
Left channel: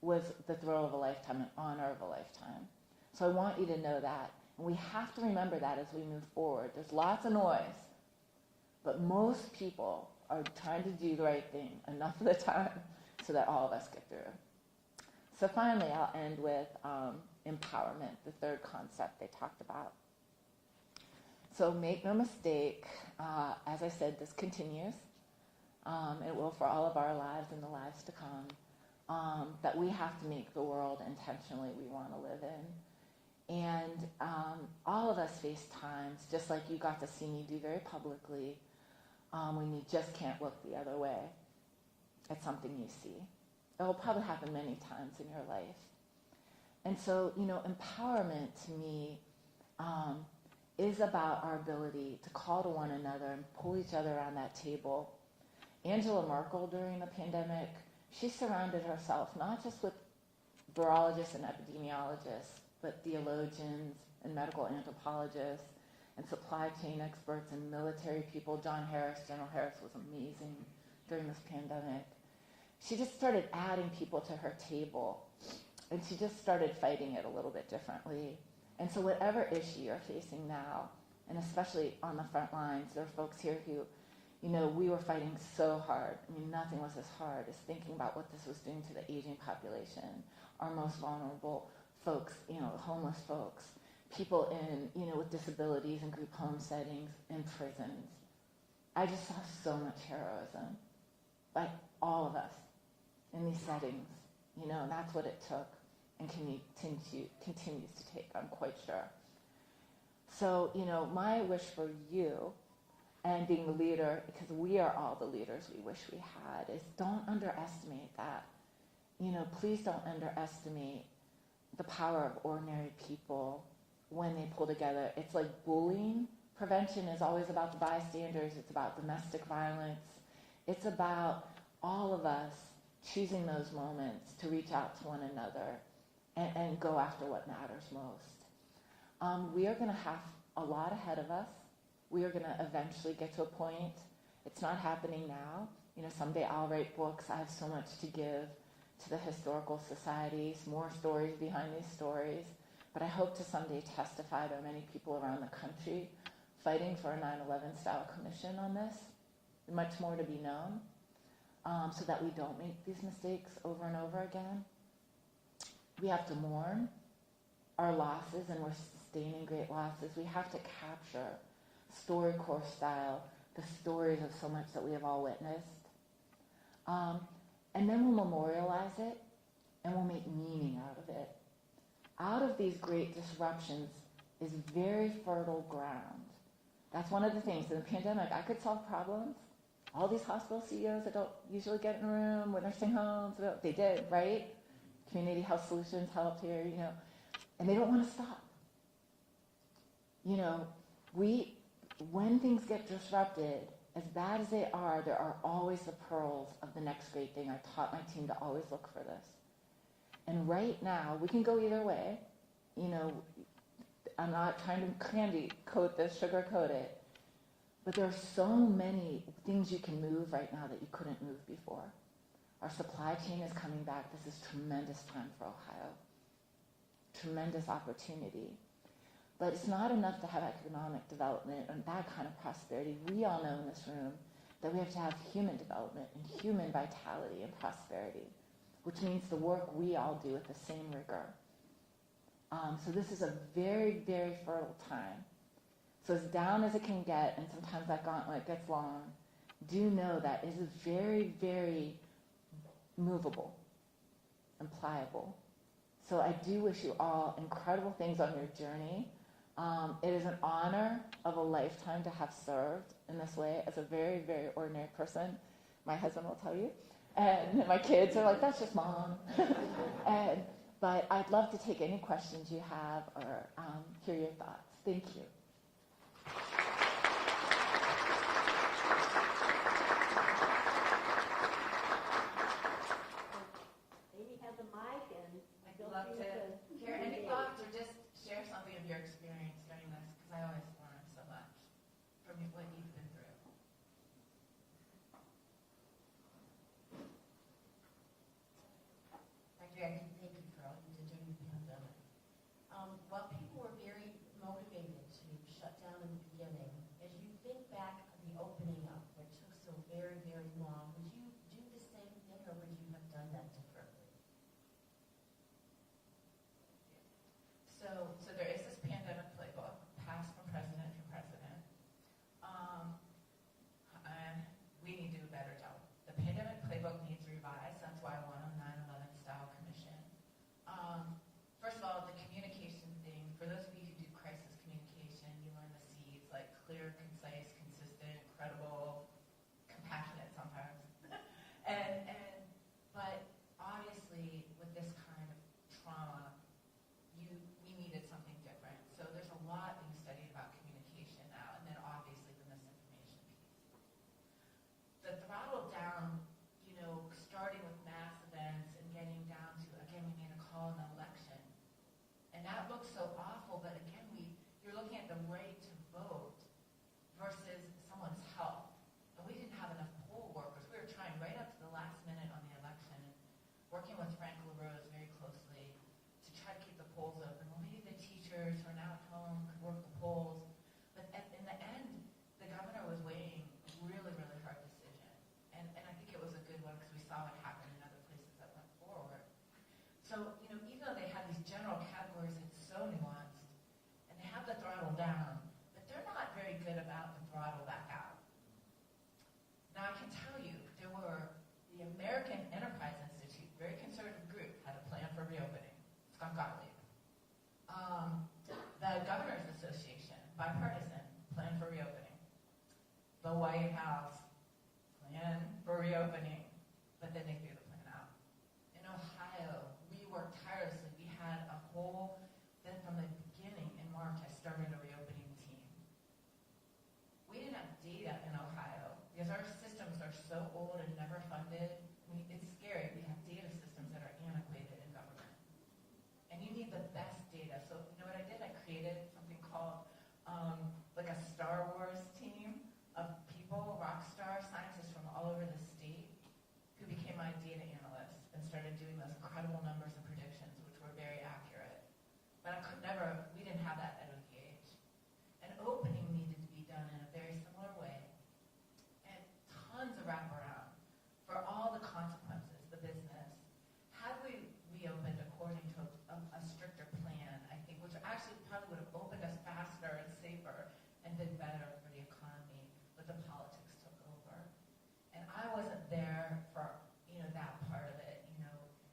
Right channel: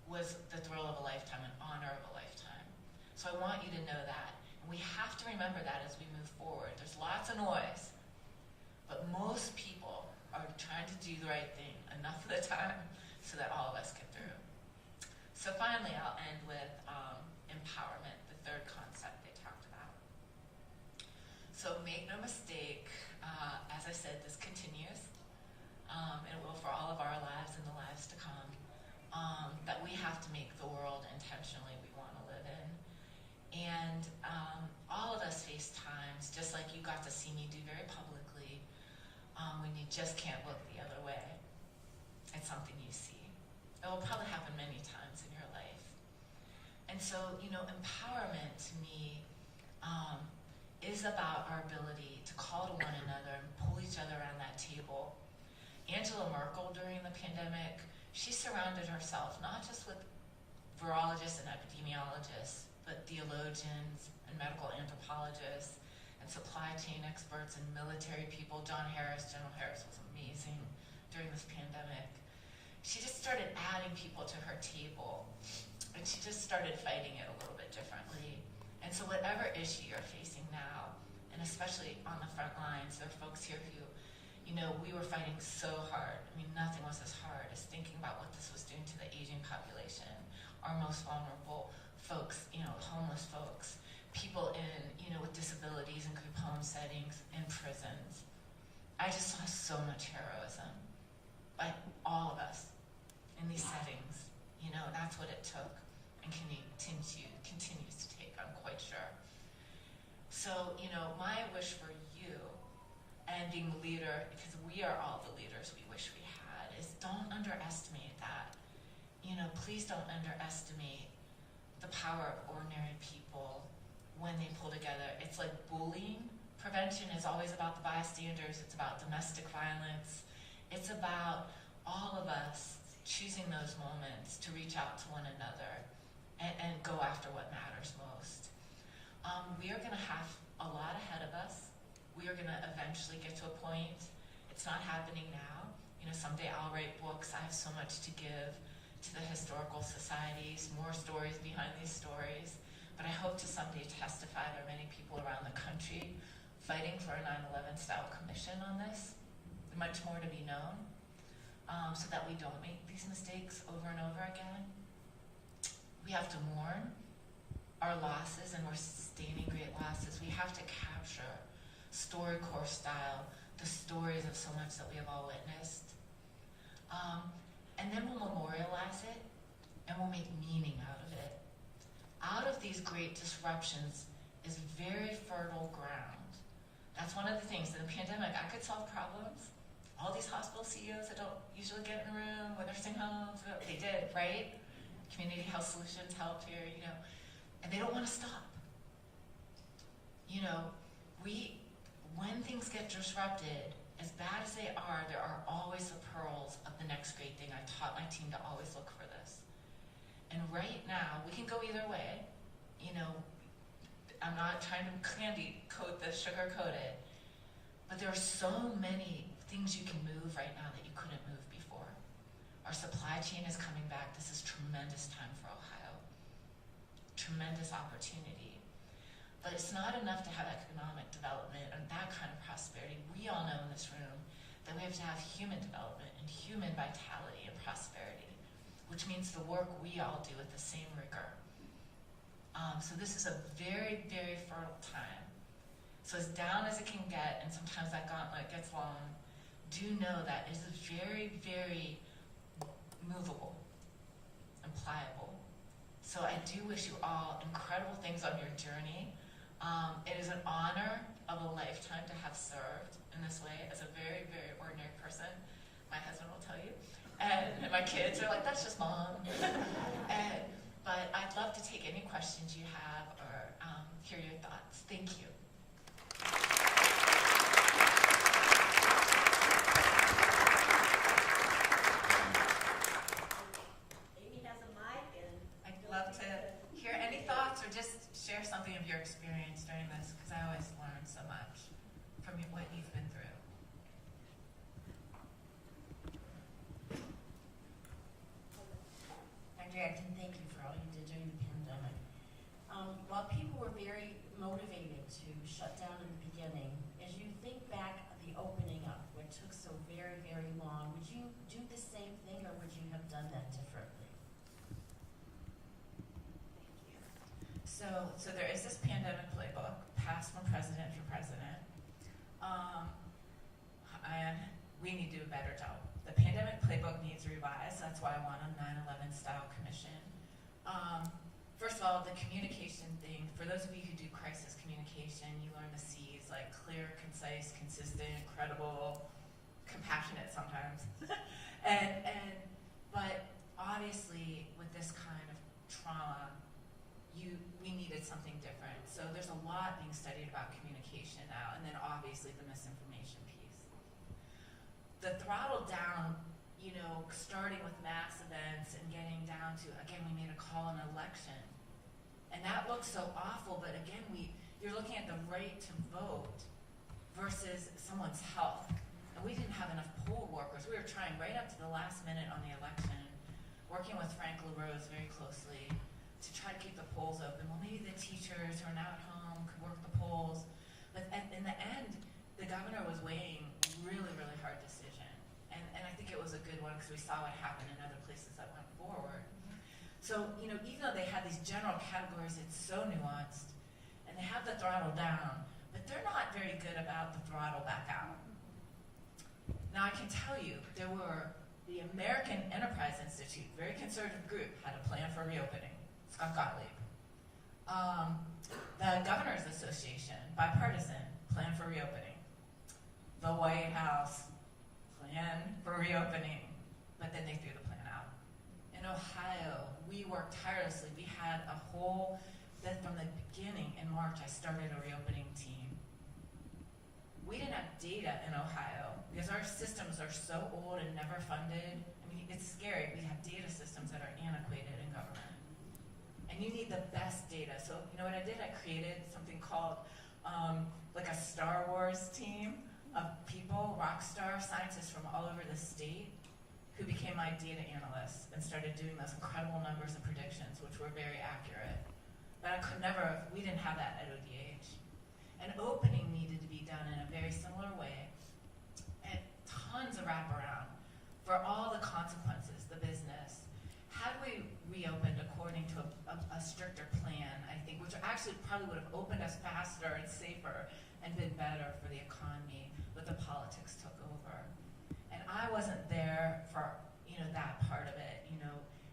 was the thrill of a lifetime, an honor of a lifetime. So I want you to know that. And we have to remember that as we move forward. There's lots of noise, but most people are trying to do the right thing enough of the time so that all of us get through. So finally, I'll end with empowerment, the third concept they talked about. So make no mistake, as I said, this continues. It will for all of our lives and the lives to come. That we have to make the world intentionally we want to live in. And all of us FaceTimes, just like you got to see me do very publicly, when you just can't look the other way at something you see. It will probably happen many times in your life. And so, empowerment to me is about our ability to call to one another and pull each other around that table. Angela Merkel, during the pandemic, she surrounded herself not just with virologists and epidemiologists, but theologians and medical anthropologists and supply chain experts and military people. General Harris was amazing during this pandemic. She just started adding people to her table, and she just started fighting it a little bit differently. And so whatever issue you're facing now, and especially on the front lines, there are folks here who, we were fighting so hard. I mean, nothing was as hard as thinking about what this was doing to the aging population, our most vulnerable folks, homeless folks, people in, with disabilities in group home settings, in prisons. I just saw so much heroism by all of us in these settings, and that's what it took and continues to take, I'm quite sure. So, my wish for you, and being the leader, because we are all the leaders we wish we had, is don't underestimate that. Please don't underestimate the power of ordinary people when they pull together. It's like bullying. Prevention is always about the bystanders. It's about domestic violence. It's about all of us choosing those moments to reach out to one another and go after what matters most. We are going to have a lot ahead of us. We are going to eventually get to a point. It's not happening now. Someday I'll write books. I have so much to give to the historical societies, more stories behind these stories. But I hope to someday testify. There are many people around the country fighting for a 9/11 style commission on this. Much more to be known, so that we don't make these mistakes over and over again. We have to mourn our losses, and we're sustaining great losses. We have to capture StoryCorps style the stories of so much that we have all witnessed. And then we'll memorialize it, and we'll make meaning out of it. Out of these great disruptions is very fertile ground. That's one of the things. In the pandemic, I could solve problems. All these hospital CEOs that don't usually get in a room with nursing homes, they did, right? Community Health Solutions helped here, and they don't want to stop. When things get disrupted, as bad as they are, there are always the pearls of the next great thing. I taught my team to always look for this. And right now, we can go either way. I'm not trying to candy coat this, sugar coat it, but there are so many things you can move right now that you couldn't move before. Our supply chain is coming back. This is tremendous time for Ohio. Tremendous opportunity. But it's not enough to have economic development and that kind of prosperity. We all know in this room that we have to have human development and human vitality and prosperity, which means the work we all do with the same rigor. So this is a very, very fertile time. So as down as it can get, and sometimes that gauntlet gets long, do know that it is very, very movable and pliable. So I do wish you all incredible things on your journey. It is an honor of a lifetime to have served in this way as a very, very ordinary person. My husband will tell you. And my kids are like, that's just mom. But I'd love to take any questions you have or hear your thoughts. Thank you. I'd love to hear any thoughts or just share something of your experience during this, because I always learn so much from what you've been through. Dr. Acton, thank you for all you did during the pandemic. While people were very motivated to shut down in the beginning, as you think back of the opening up, what took so very, very long, would you do the same thing, or would you have done that differently? So there is this pandemic playbook passed from president for president, and we need to do a better job. The pandemic playbook needs revised. That's why I want a 9/11 style commission. First of all, the communication thing. For those of you who do crisis communication, incredible, compassionate sometimes. But obviously with this kind of trauma, we needed something different. So there's a lot being studied about communication now, and then obviously the misinformation piece. The throttle down, starting with mass events and getting down to, again, we made a call in an election. And that looks so awful, but again, you're looking at the right to vote versus someone's health. And we didn't have enough poll workers. We were trying right up to the last minute on the election, working with Frank LaRose very closely to try to keep the polls open. Well, maybe the teachers who are now at home could work the polls. But in the end, the governor was weighing really, really hard decision. And I think it was a good one because we saw what happened in other places that went forward. So, even though they had these general categories, it's so nuanced, and they have the throttle down, but they're not very good about the throttle back out. Now, I can tell you, the American Enterprise Institute, very conservative group, had a plan for reopening. Scott Gottlieb. The Governors Association, bipartisan, plan for reopening. The White House, plan for reopening, but then they threw the plan out. In Ohio, we worked tirelessly. We had from the beginning in March, I started a reopening team. We didn't have data in Ohio because our systems are so old and never funded. I mean, it's scary. We have data systems that are antiquated in government. And you need the best data. So, what I did? I created something called like a Star Wars team of people, rock star scientists from all over the state, who became my data analysts and started doing those incredible numbers and predictions, which were very accurate. But we didn't have that at ODH. And opening needed to be done in a very similar way, and tons of wraparound for all the consequences, the business. Had we reopened according to a stricter plan, I think, which actually probably would have opened us faster and safer and been better for the economy, but the politics took over. And I wasn't there for that part of it.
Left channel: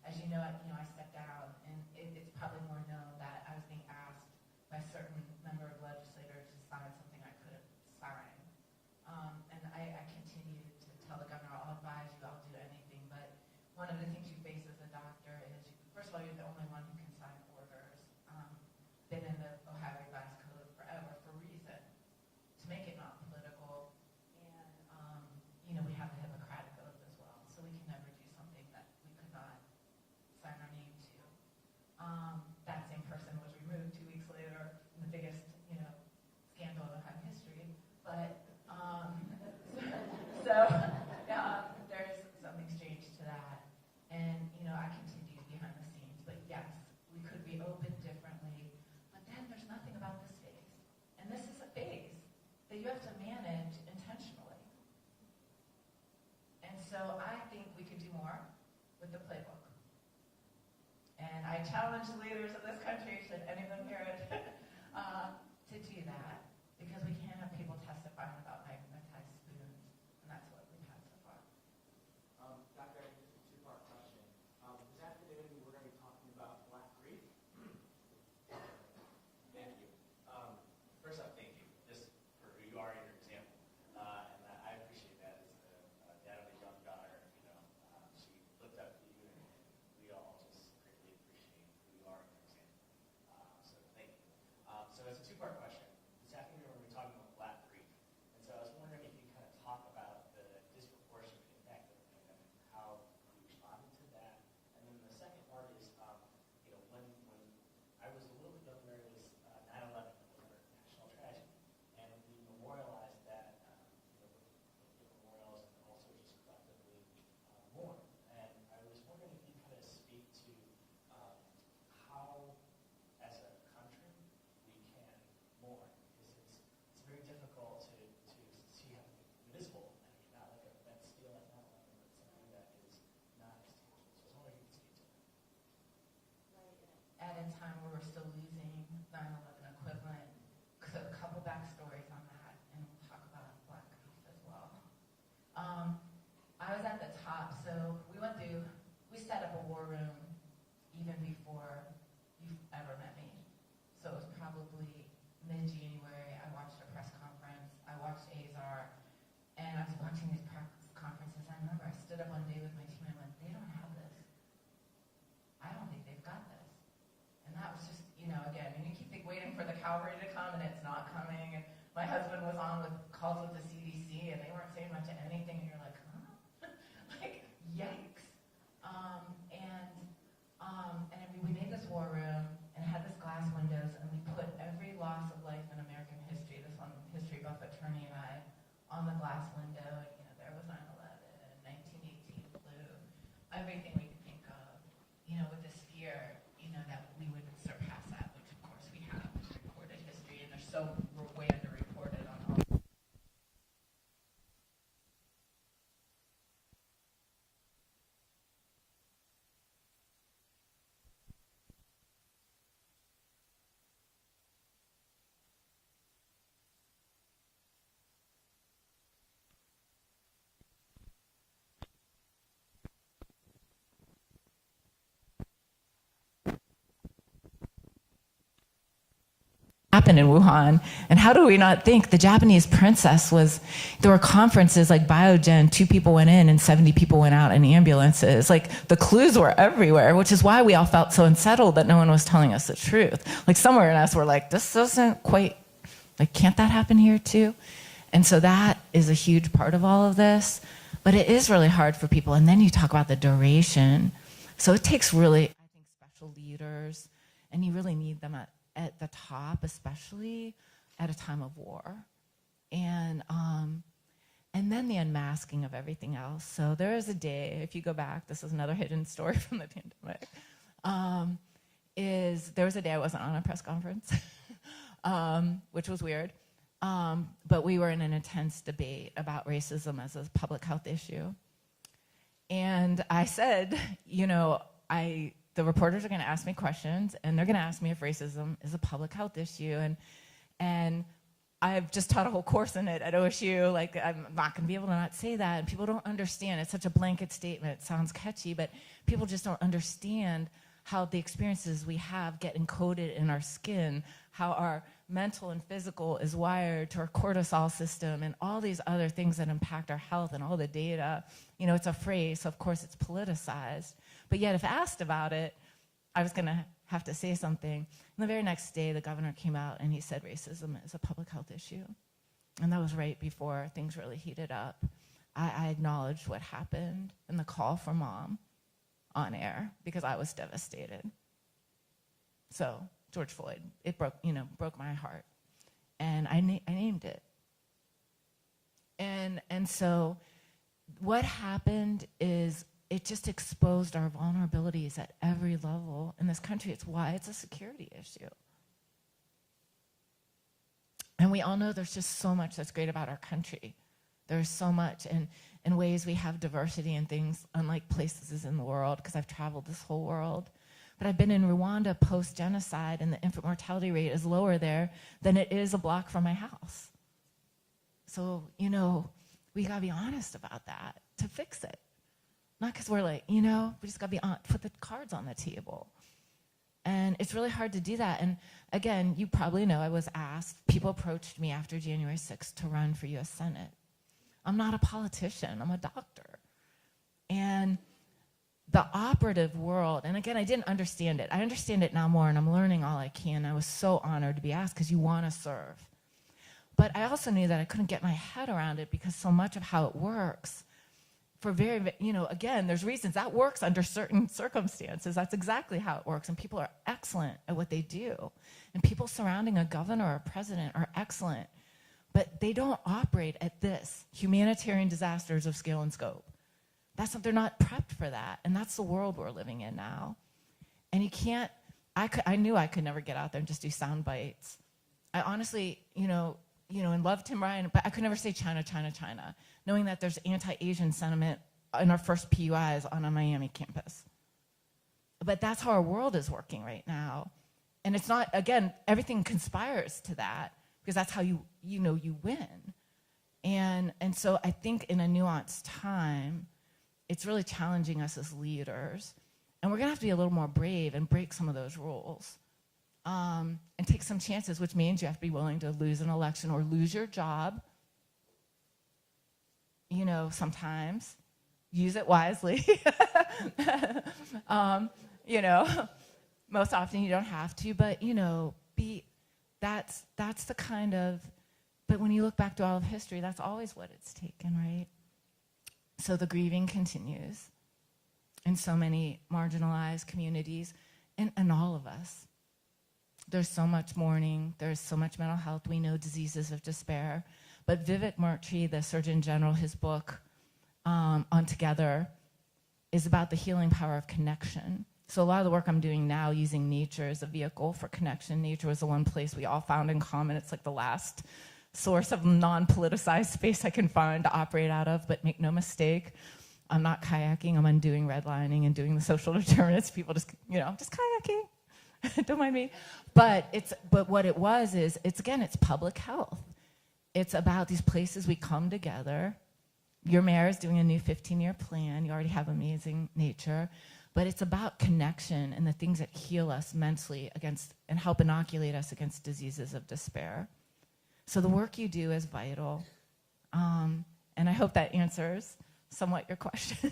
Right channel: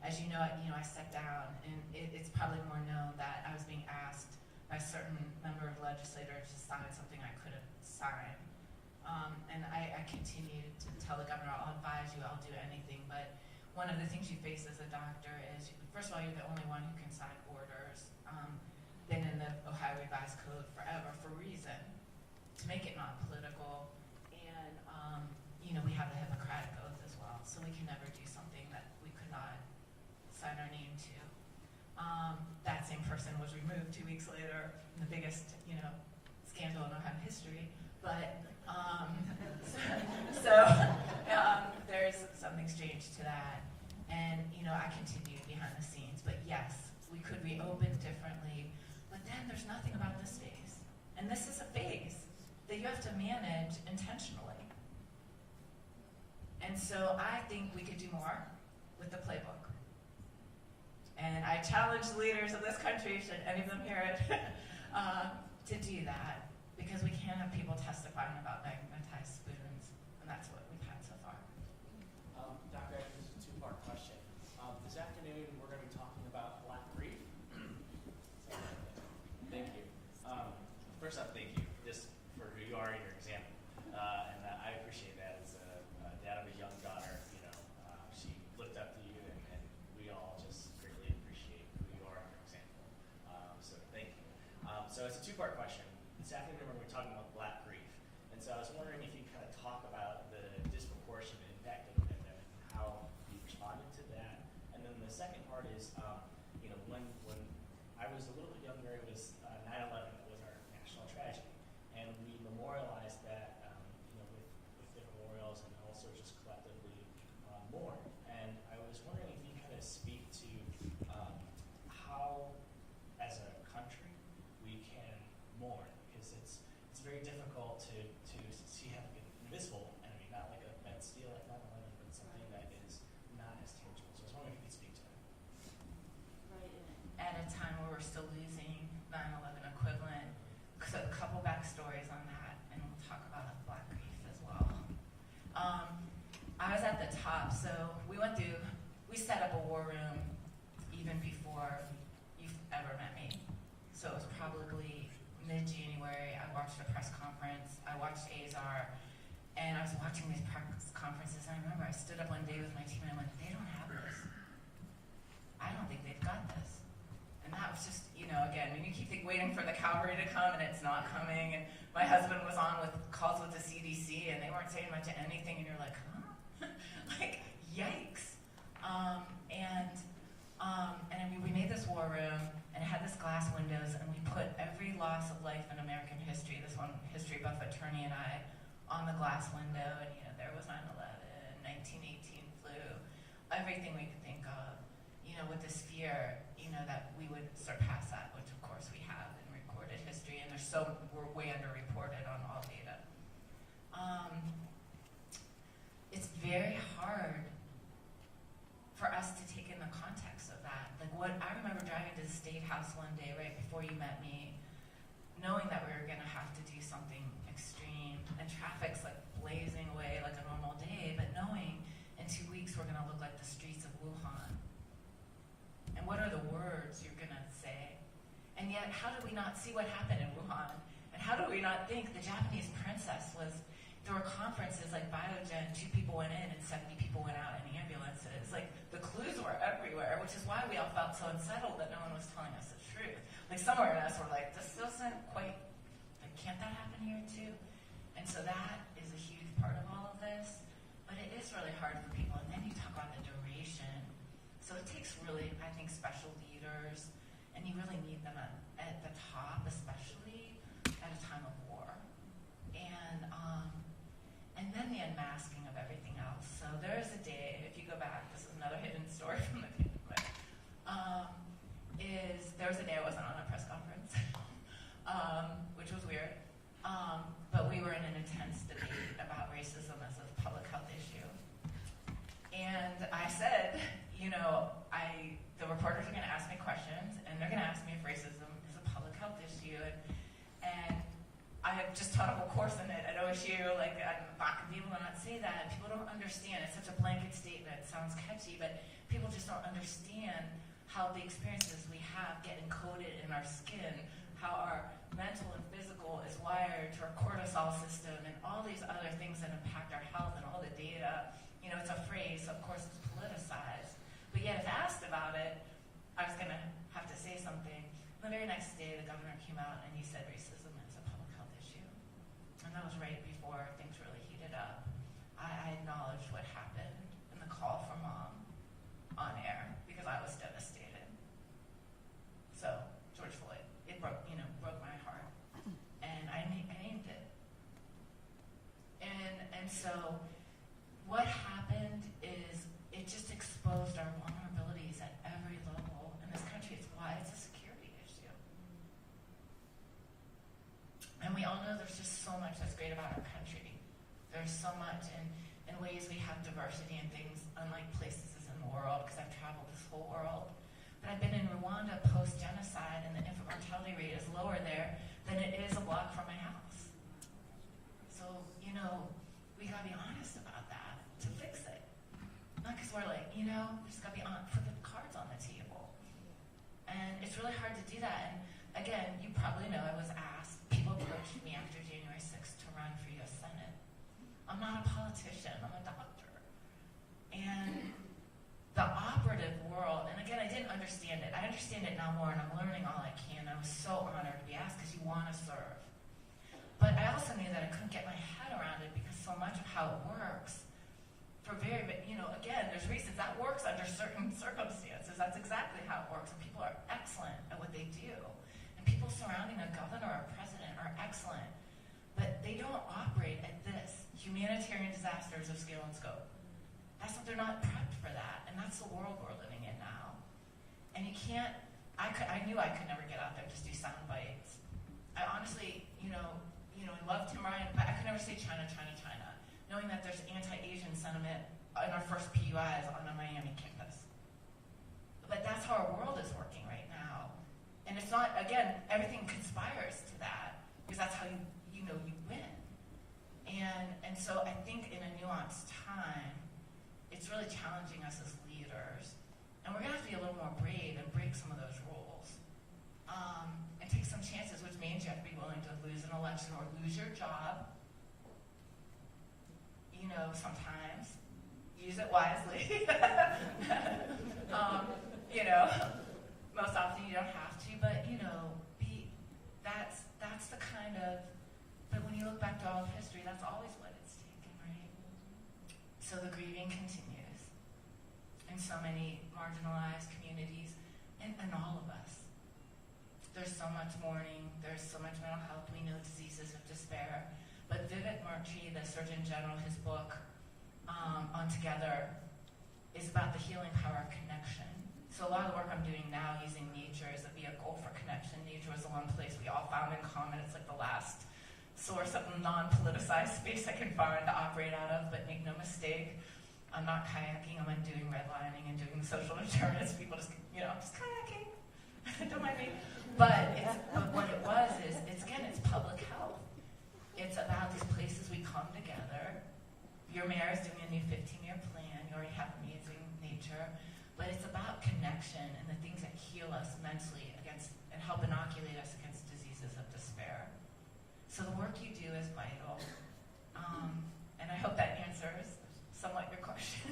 As you know, I stepped down, and it's probably more known that I was being asked by a certain member of legislators to sign something I couldn't sign. And I continued to tell the governor, I'll advise you, I'll do anything. But one of the things you face as a doctor is, first of all, you're the only one who can sign orders. Been in the Ohio Revised Code forever for a reason, to make it not political. And we have the Hippocratic Oath as well, so we can never do something that we could not sign our name to. That same person was removed 2 weeks later in the biggest, scandal in Ohio history. But there's something strange to that. And I continued behind the scenes. But yes, we could reopen differently. But then there's nothing about this phase, and this is a phase that you have to manage intentionally. And so I think we could do more with the playbook. And I challenge the leaders of this country, should any of them hear it, to do that, because we can't have people testifying about magnetized spoons, and that's what we've had so far. Dr. Acton, this is a two-part question. This afternoon, we're going to be talking about Black grief. Thank you. First off, thank you just for who you are and your example. And I appreciate that. As a dad of a young daughter, she looked up to you, and we all just greatly appreciate who you are and your example. So thank you. So it's a two-part question. This afternoon, we're talking about Black grief. And so I was wondering if you kind of talk about the disproportionate impact of the pandemic and how you responded to that. And then the second part is, when I was a little bit younger, it was 9/11. That was our national tragedy. And we memorialized that, with the memorials and also just collectively mourn. And I was wondering if you kind of speak to how, as a country, we can mourn, because it's very difficult to see how an invisible enemy, not like a bent steel like 9/11, but something that is not as tangible. So I was wondering if you could speak to that. Right. At a time where we're still losing 9/11 equivalent, so a couple backstories on that, and we'll talk about Black grief as well. I was at the top, so we set up a war room even before you've ever met me. So it was probably mid-January. I watched a press conference. I watched Azar, to come and it's not coming. And my husband was on with calls with the CDC and they weren't saying much of anything, and you're like, huh? Like, yikes. And I mean, we made this war room and had this glass windows, and we put every loss of life in American history, this one history buff attorney and I, on the glass window. And you know, there was 9/11, 1918 flu, everything we could think of, you know, with this fear, you know, that we would surpass that, which of course we have in recorded history, and we're way underreported on all data. It's very hard for us to take in the context of that. Like, what I remember driving to the State House one day right before you met me, knowing that we were going to have to do something extreme, and traffic's like blazing away like a normal day, but knowing in 2 weeks we're going to look like the streets of Wuhan. And what are the words you're going to say? And yet, how do we not see what happened in Wuhan? And how do we not think the Japanese princess there were conferences like Biogen, 2 people went in and 70 people went out in ambulances. Like, the clues were everywhere, which is why we all felt so unsettled that no one was telling us the truth. Like, somewhere in us, we're like, this doesn't quite, like, can't that happen here too? And so that is a huge part of all of this. But it is really hard for people. And then you talk about the duration. So it takes really, I think, special leaders, and you really need them at the top, especially at a time of war. And then the unmasking of everything else. So there is a day, if you go back, this is another hidden story from the pandemic, there was a day I wasn't on a press conference, which was weird. But we were in an intense debate about racism as a public health issue. And I said, you know, the reporters are going to ask me questions, and they're going to ask me if racism is a public health issue. And I've just taught a whole course in it at OSU. Like, I'm not going to be able to not say that. And people don't understand. It's such a blanket statement. It sounds catchy, but people just don't understand how the experiences we have get encoded in our skin, how our mental and physical is wired to our cortisol system, and all these other things that impact our health and all the data. You know, it's a phrase, so of course it's politicized. But yet, if asked about it, I was going to have to say something. And the very next day, the governor came out and he said racism is a public health issue. And that was right before things really heated up. I acknowledged what happened in the call from Mom on air because I was devastated. So, George Floyd, it broke my heart. And I named it. And so what happened is it just exposed our vulnerabilities at every level in this country. It's why it's a security issue. And we all know there's just so much that's great about our country. There's so much in ways we have diversity and things unlike places in the world, because I've traveled this whole world. But I've been in Rwanda post-genocide, and the infant mortality rate is lower there than it is a block from my house. So, you know, we gotta be honest about that to fix it. Not because we're like, you know, we just gotta put the cards on the table. And it's really hard to do that. And again, you probably know I was asked, people approached me after January 6th to run for US Senate. I'm not a politician, I'm a doctor. And the operative world, and again, I didn't understand it. I understand it now more, and I'm learning all I can. I was so honored to be asked because you want to serve. But I also knew that I couldn't get my head around it because so much of how it works, for again, there's reasons that works under certain circumstances. That's exactly how it works, and people are excellent at what they do. And people surrounding a governor or a president are excellent, but they don't operate at this, humanitarian disasters of scale and scope. They're not prepped for that, and that's the world we're living in now. And you can't, I knew I could never get out there and just do sound bites. I honestly, and love Tim Ryan, but I could never say China, China, China, knowing that there's anti-Asian sentiment in our first PUIs on a Miami campus. But that's how our world is working right now. And it's not, again, everything conspires to that, because that's how you win. And so I think in a nuanced time, it's really challenging us as leaders. And we're gonna have to be a little more brave and break some of those rules. And take some chances, which means you have to be willing to lose an election or lose your job. Sometimes. Use it wisely. Most often you don't have to, but, that's the kind of, but when you look back to all of history, that's always what it's taken, right? So the grieving continues in so many marginalized communities, and all of us. There's so much mourning, there's so much mental health, we know diseases of despair. But Vivek Murtry, the Surgeon General, his book on Together is about the healing power of connection. So a lot of the work I'm doing now using nature as a vehicle for connection. Nature was the one place we all found in common. It's like the last source of non-politicized space I can find to operate out of, but make no mistake, I'm not kayaking, I'm undoing redlining and doing the social determinants. People just kayaking, don't mind me. But what it was is, it's public health. It's about these places we come together. Your mayor is doing a new 15-year plan. You already have amazing nature. But it's about connection and the things that heal us mentally against and help inoculate us against diseases of despair. So the work you do is vital. And I hope that answers somewhat your question.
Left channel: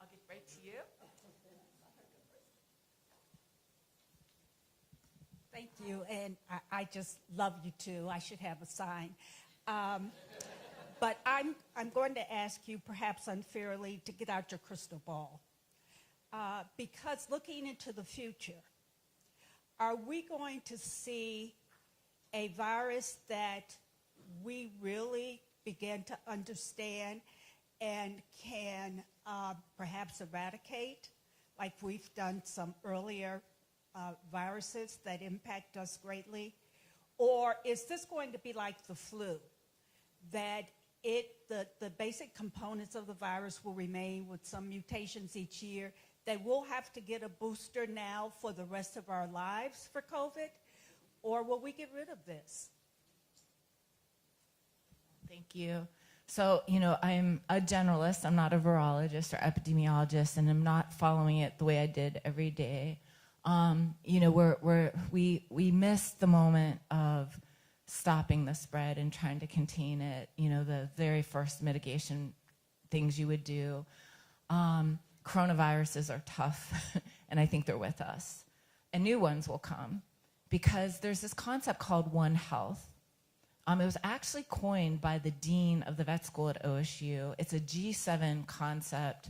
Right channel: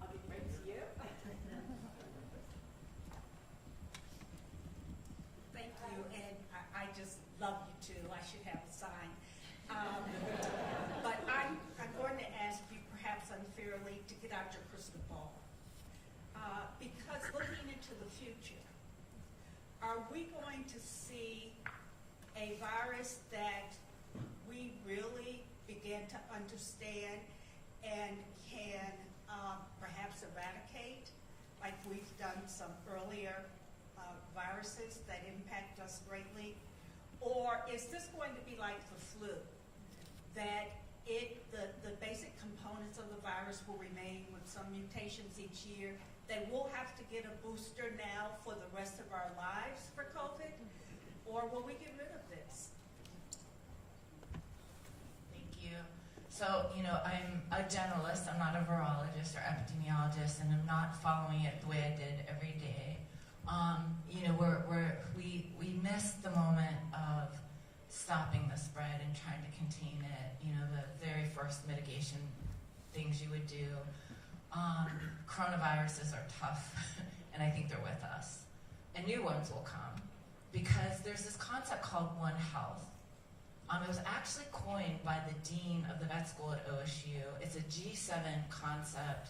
I'll get right to you. Thank you, and I just love you too. I should have a sign. But I'm going to ask you, perhaps unfairly, to get out your crystal ball. Because looking into the future, are we going to see a virus that we really begin to understand and can perhaps eradicate, like we've done some earlier viruses that impact us greatly? Or is this going to be like the flu, that the basic components of the virus will remain with some mutations each year, that we'll have to get a booster now for the rest of our lives for COVID? Or will we get rid of this? Thank you. So, I'm a generalist. I'm not a virologist or epidemiologist, and I'm not following it the way I did every day. We missed the moment of stopping the spread and trying to contain it. The very first mitigation things you would do. Coronaviruses are tough, and I think they're with us. And new ones will come, because there's this concept called One Health. It was actually coined by the dean of the vet school at OSU. It's a G7 concept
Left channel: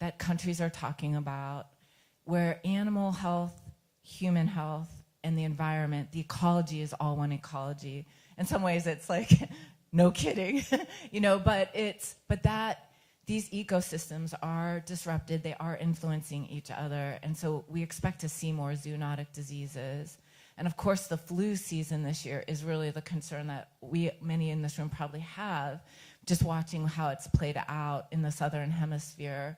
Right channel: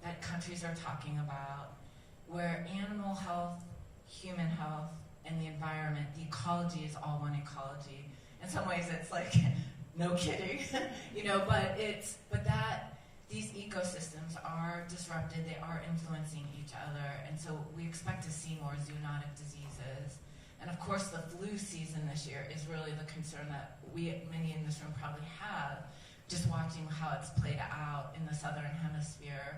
that countries are talking about, where animal health, human health, and the environment, the ecology is all one ecology. In some ways, it's like, no kidding, but these ecosystems are disrupted, they are influencing each other, and so we expect to see more zoonotic diseases. And of course, the flu season this year is really the concern that many in this room probably have, just watching how it's played out in the southern hemisphere.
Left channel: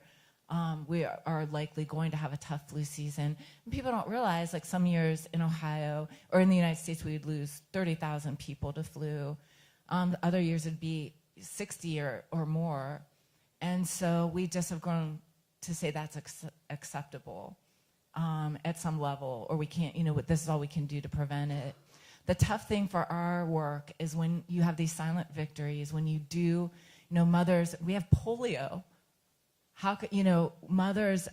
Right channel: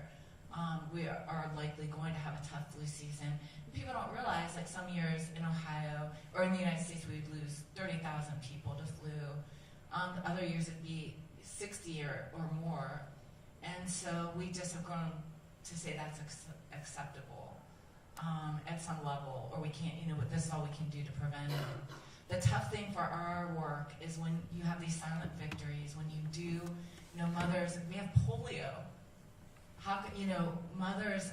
We are likely going to have a tough flu season. And people don't realize, like some years in Ohio, or in the United States, we would lose 30,000 people to flu. Other years it'd be 60 or more. And so we just have grown to say that's acceptable at some level, or we can't, this is all we can do to prevent it. The tough thing for our work is when you have these silent victories, when you do, mothers, we have polio. How could, mothers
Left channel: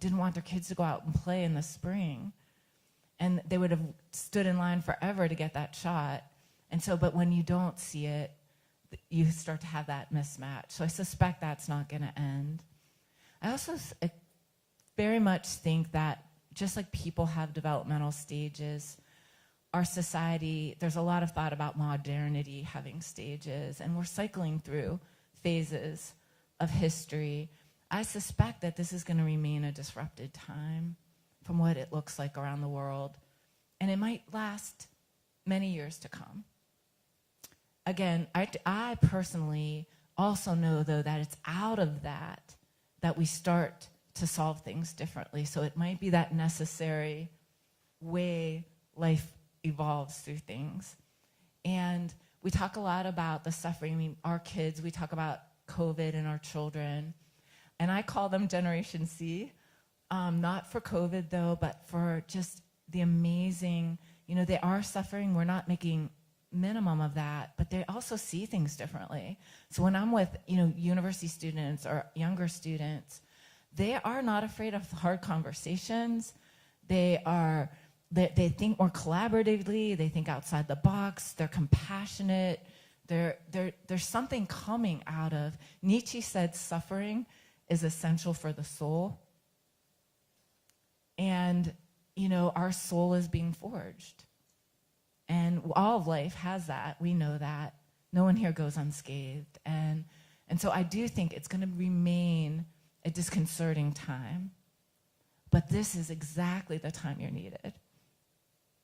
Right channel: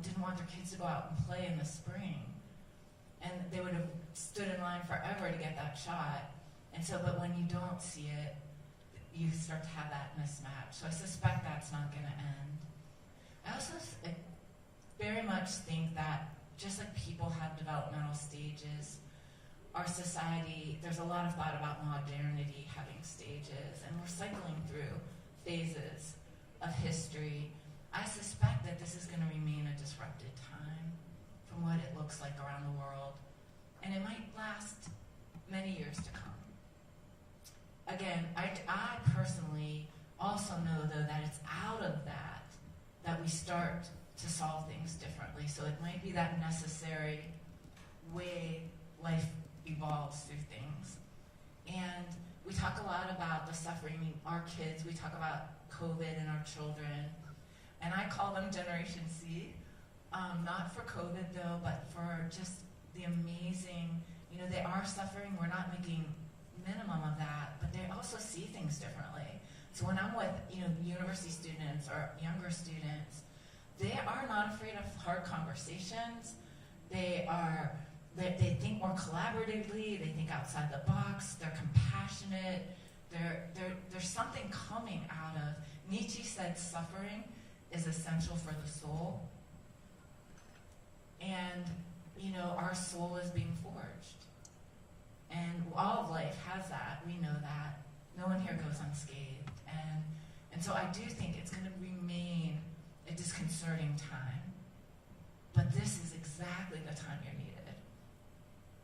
didn't want their kids to go out and play in the spring, and they would have stood in line forever to get that shot. And so, but when you don't see it, you start to have that mismatch. So I suspect that's not going to end. I also very much think that just like people have developmental stages, our society, there's a lot of thought about modernity having stages, and we're cycling through phases of history. I suspect that this is going to remain a disrupted time from what it looks like around the world, and it might last many years to come. Again, I personally also know, though, that it's out of that we start to solve things differently. So it might be that necessary way life evolves through things. And we talk a lot about the suffering. I mean, our kids, we talk about COVID and our children. And I call them Generation C, not for COVID, though, but for just the amazing, they are suffering. We're not making minimum of that, but they also see things differently. So when I'm with, university students or younger students, they are not afraid of hard conversations. They think more collaboratively. They think outside the box. They're compassionate. There's something coming out of, Nietzsche said suffering is essential for the soul. And, our soul is being forged. And all of life has that. We know that. No one here goes unscathed. And so I do think it's going to remain a disconcerting time. But this is exactly the time you're needed.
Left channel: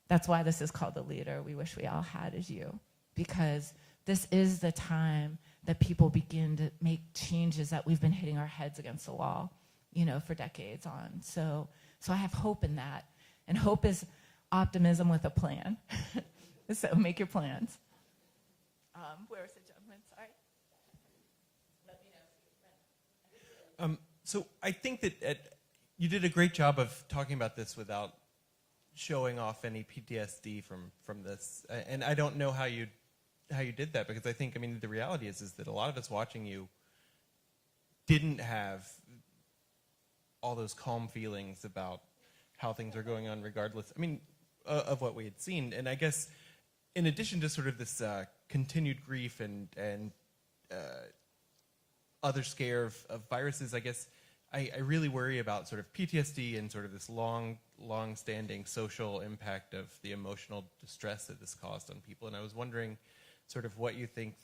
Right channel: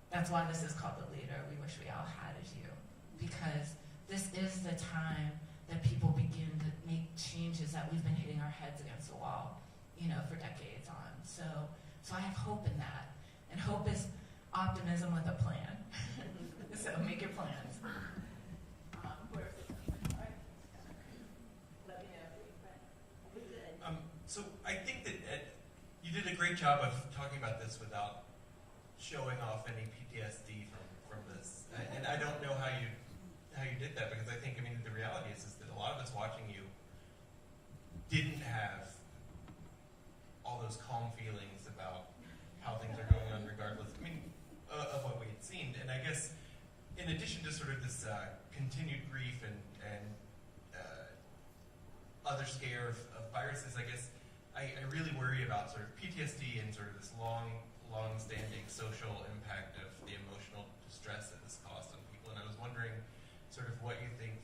That's why this is called The Leader we wish we all had as you. Because this is the time that people begin to make changes that we've been hitting our heads against the wall, for decades on. So I have hope in that. And hope is optimism with a plan. So make your plans. Where is it? Let me know. So I think that you did a great job of talking about this without showing off any PTSD from this. And I don't know how you did that, because I think, the reality is that a lot of us watching you didn't have all those calm feelings about how things are going on regardless, of what we had seen. And I guess in addition to sort of this continued grief and other scare of viruses, I guess I really worry about sort of PTSD and sort of this long-standing social impact of the emotional distress that this caused on people. And I was wondering sort of what you think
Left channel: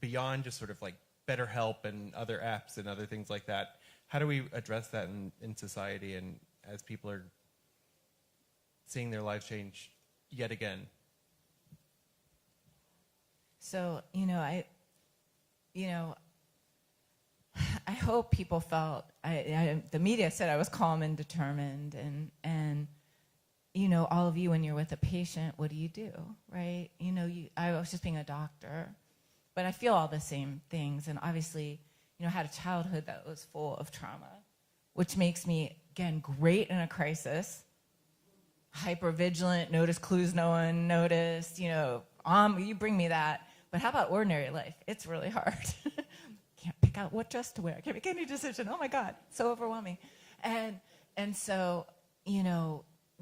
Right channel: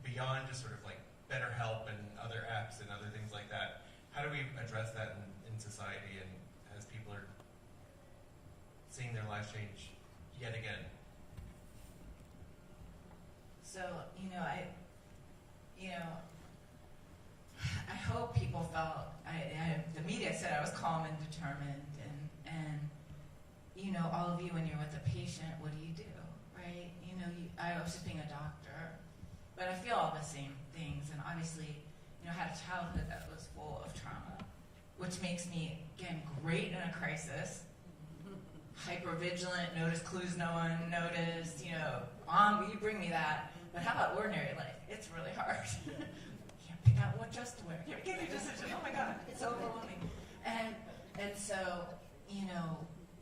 beyond just sort of like BetterHelp and other apps and other things like that, how do we address that in society and as people are seeing their lives change yet again? So, I hope people felt, the media said I was calm and determined, and all of you, when you're with a patient, what do? Right? I was just being a doctor, but I feel all the same things, and obviously, I had a childhood that was full of trauma, which makes me, again, great in a crisis, hyper-vigilant, notice clues no one noticed, you bring me that, but how about ordinary life? It's really hard. Can't pick out what dress to wear. Can't make any decision. Oh my God, it's so overwhelming. And so,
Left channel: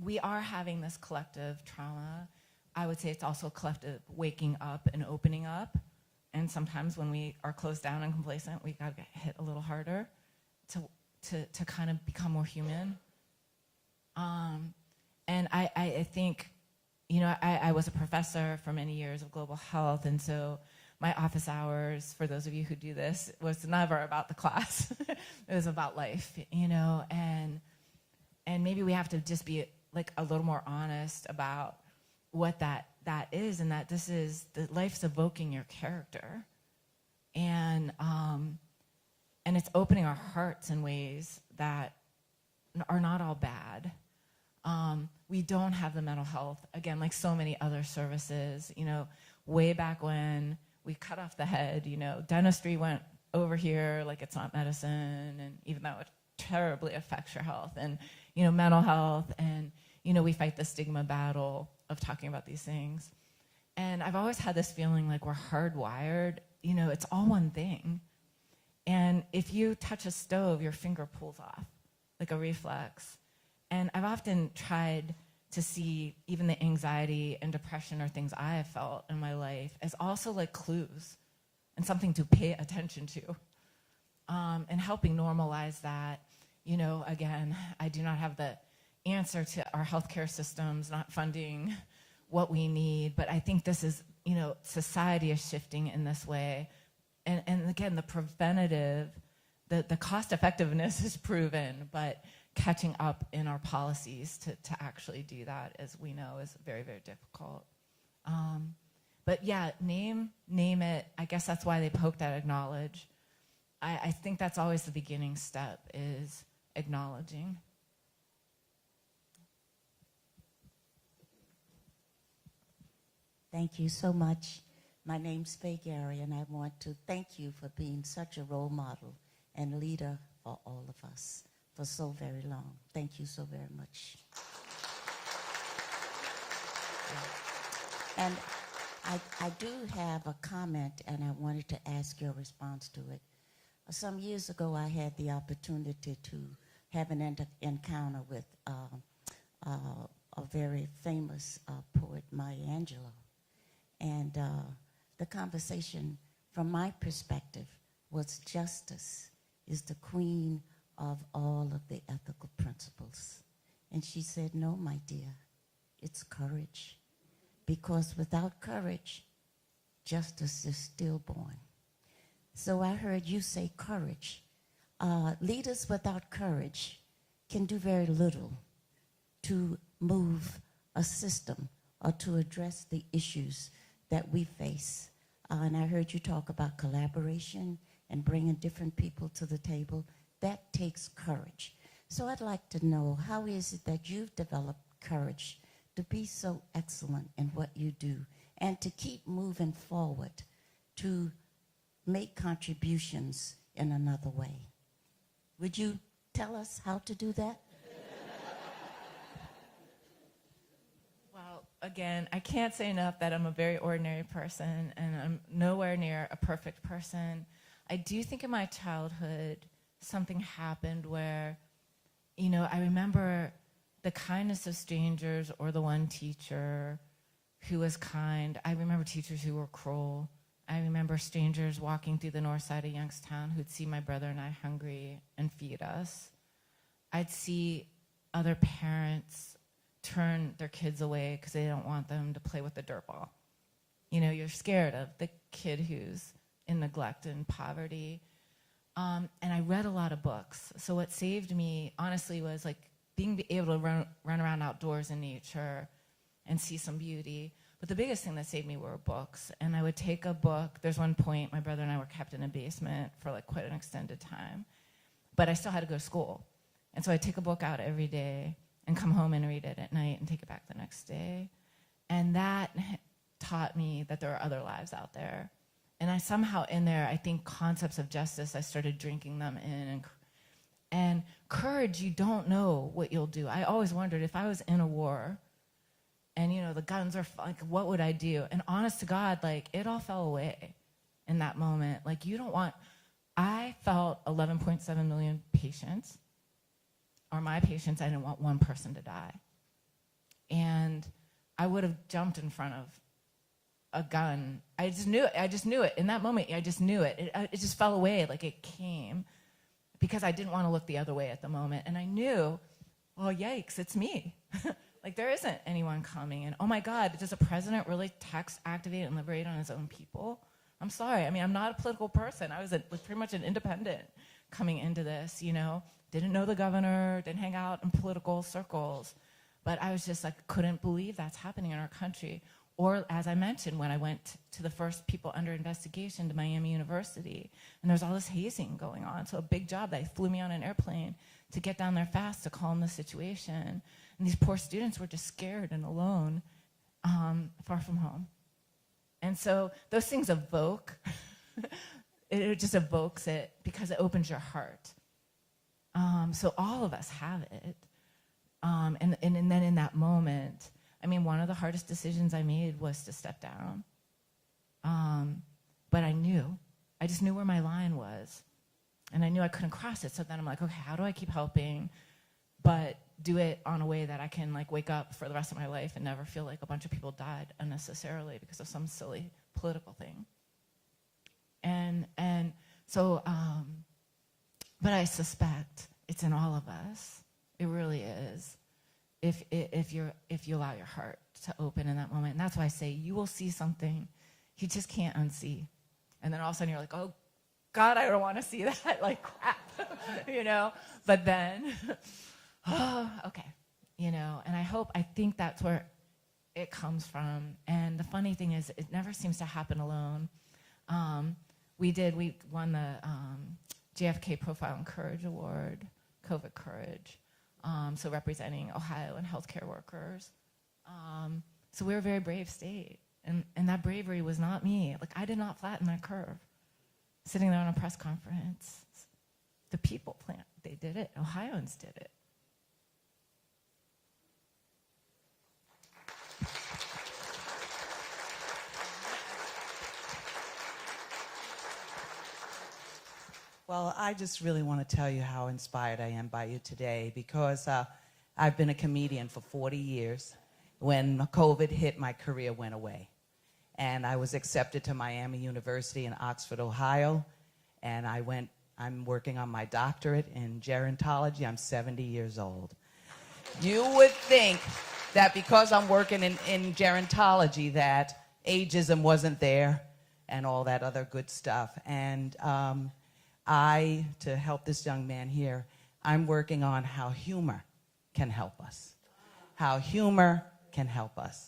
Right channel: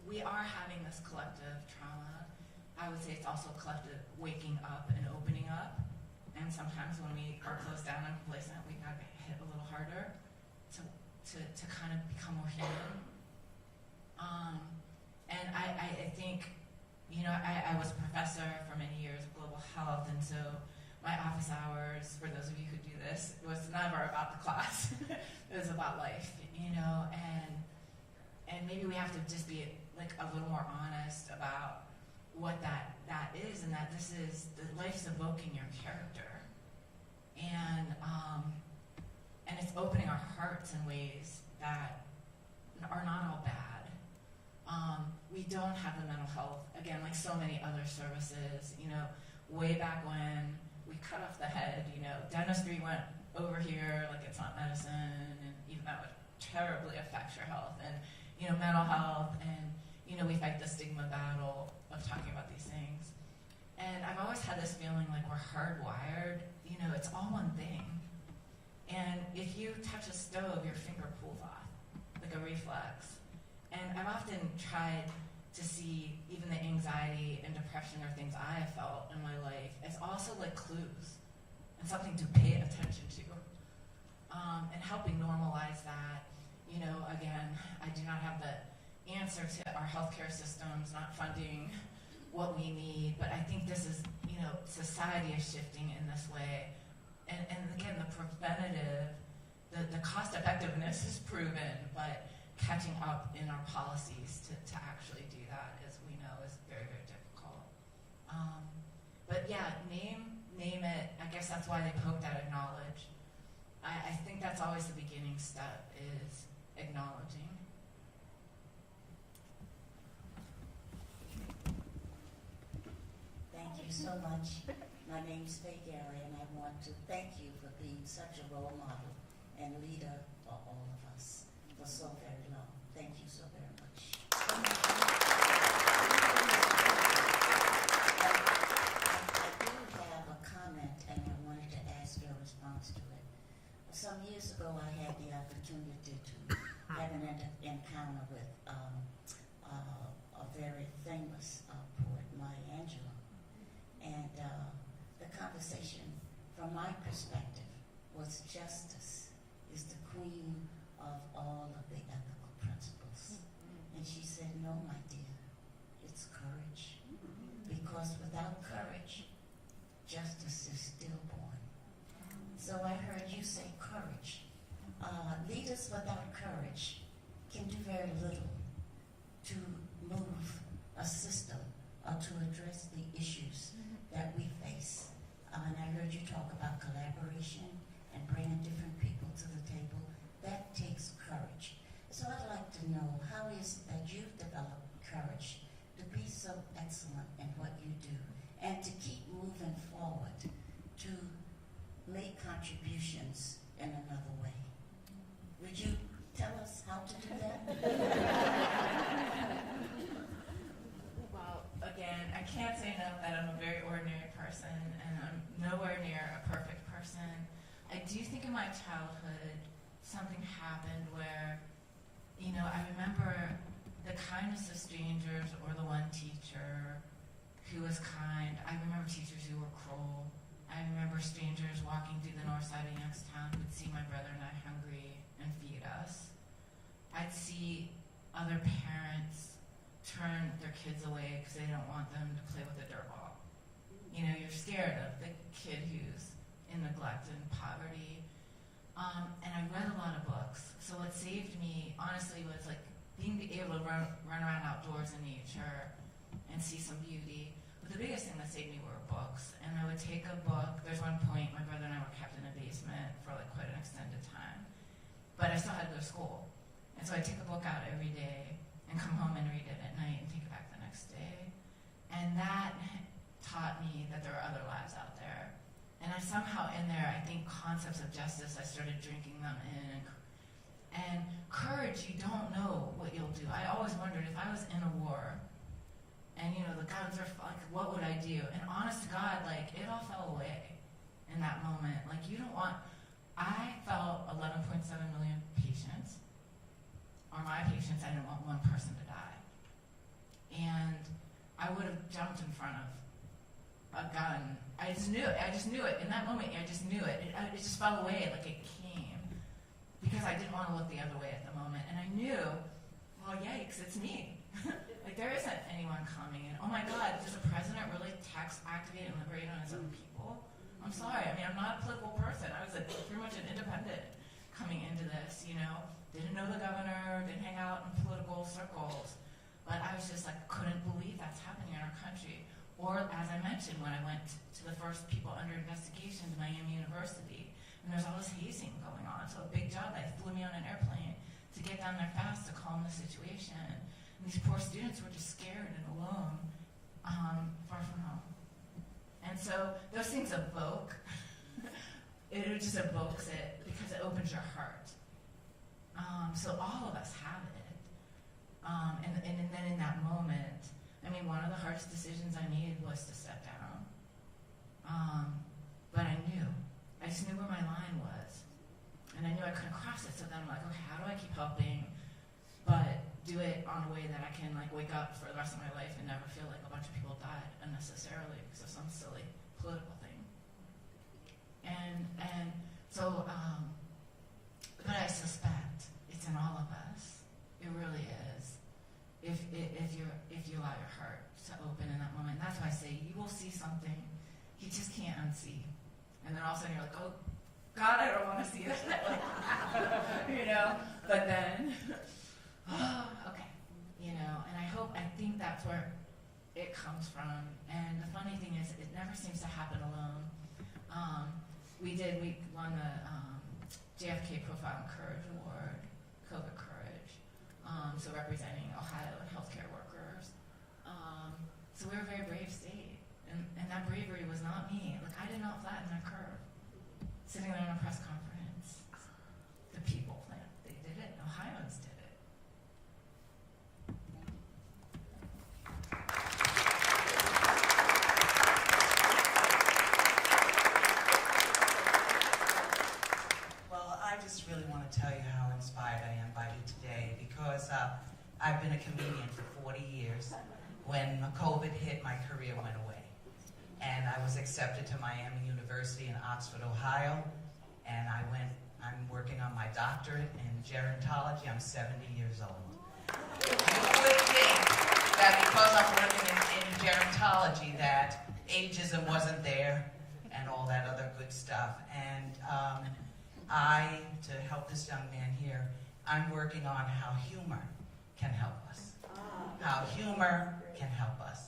we are having this collective trauma. I would say it's also collective waking up and opening up. And sometimes when we are closed down and complacent, we gotta get hit a little harder to kind of become more human. And I think, I was a professor for many years of global health, and so my office hours, for those of you who do this, was never about the class. It was about life, and maybe we have to just be like a little more honest about what that is, and that this is, that life's evoking your character, and it's opening our hearts in ways that are not all bad. We don't have the mental health, again, like so many other services, way back when we cut off the head, dentistry went over here like it's not medicine, and even that would terribly affect your health, and, mental health, and, we fight the stigma battle of talking about these things. And I've always had this feeling like we're hardwired, it's all one thing. And if you touch a stove, your finger pulls off, like a reflex. And I've often tried to see even the anxiety and depression or things I have felt in my life as also like clues and something to pay attention to, and helping normalize that. Again, I do not have the answer to our healthcare systems not funding what we need, but I think this is, society is shifting in this way. And again, the preventative, the cost effectiveness is proven, but catching up in our policies to actually do that, as we know, is very, very difficult. But yeah, name it. I guess that's why they poked at acknowledge. I think that's always the beginning step, is acknowledging. Thank you so much. My name's Veale, and I want to thank you for being such a role model and leader for all of us for so very long. Thank you so very much. And I do have a comment, and I wanted to ask your response to it. Some years ago, I had the opportunity to have an encounter with a very famous poet, Maya Angelou. And the conversation, from my perspective, was justice is the queen of all of the ethical principles. And she said, no, my dear, it's courage. Because without courage, justice is stillborn. So I heard you say courage. Leaders without courage can do very little to move a system or to address the issues that we face. And I heard you talk about collaboration and bringing different people to the table. That takes courage. So I'd like to know, how is it that you've developed courage to be so excellent in what you do and to keep moving forward, to make contributions in another way? Would you tell us how to do that? Well, again, I can't say enough that I'm a very ordinary person and I'm nowhere near a perfect person. I do think in my childhood something happened where, you know, I remember the kindness of strangers or the one teacher who was kind. I remember teachers who were cruel. I remember strangers walking through the north side of Youngstown who'd see my brother and I hungry and feed us. I'd see other parents turn their kids away because they don't want them to play with the dirt ball. You know, you're scared of the kid who's in neglect and poverty. And I read a lot of books. So what saved me, honestly, was like being able to run around outdoors in nature and see some beauty. But the biggest thing that saved me were books. And I would take a book. There's one point, my brother and I were kept in a basement for like quite an extended time. But I still had to go to school. And so I'd take a book out every day and come home and read it at night and take it back the next day. And that taught me that there are other lives out there. And I somehow in there, I think concepts of justice, I started drinking them in. And courage, you don't know what you'll do. I always wondered if I was in a war and, you know, the guns are, like, what would I do? And honest to God, like, it all fell away in that moment. Like, you don't want, I felt 11.7 million patients, or my patients, I didn't want one person to die. And I would have jumped in front of a gun. I just knew it. In that moment, I just knew it. It just fell away, like it came, because I didn't want to look the other way at the moment. And I knew, well, yikes, it's me. Like, there isn't anyone coming. And oh my God, does the president really text, activate, and liberate on his own people? I'm sorry. I mean, I'm not a political person. I was pretty much an independent coming into this, you know. Didn't know the governor, didn't hang out in political circles. But I was just like, couldn't believe that's happening in our country. Or, as I mentioned, when I went to the first people under investigation to Miami University, and there was all this hazing going on. So a big job, they flew me on an airplane to get down there fast to calm the situation. And these poor students were just scared and alone, far from home. And so those things evoke, it just evokes it because it opens your heart. So all of us have it. And then in that moment, I mean, one of the hardest decisions I made was to step down. But I just knew where my line was. And I knew I couldn't cross it. So then I'm like, okay, how do I keep helping, but do it on a way that I can like wake up for the rest of my life and never feel like a bunch of people died unnecessarily because of some silly political thing. And so, but I suspect it's in all of us. It really is. If you allow your heart to open in that moment. And that's why I say you will see something you just can't unsee. And then all of a sudden you're like, oh God, I don't want to see that. Like, you know, but then, oh, okay. You know, and I think that's where it comes from. And the funny thing is, it never seems to happen alone. We won the JFK Profile and Courage Award, COVID Courage. So representing Ohio and healthcare workers. So we're a very brave state. And that bravery was not me. Like, I did not flatten that curve. Sitting there in a press conference, the people planned. They did it. Ohioans did it. Well, I just really want to tell you how inspired I am by you today, because I've been a comedian for 40 years. When COVID hit, my career went away. And I was accepted to Miami University in Oxford, Ohio. And I'm working on my doctorate in gerontology. I'm 70 years old. You would think that because I'm working in gerontology that ageism wasn't there and all that other good stuff. And to help this young man here, I'm working on how humor can help us. How humor can help us.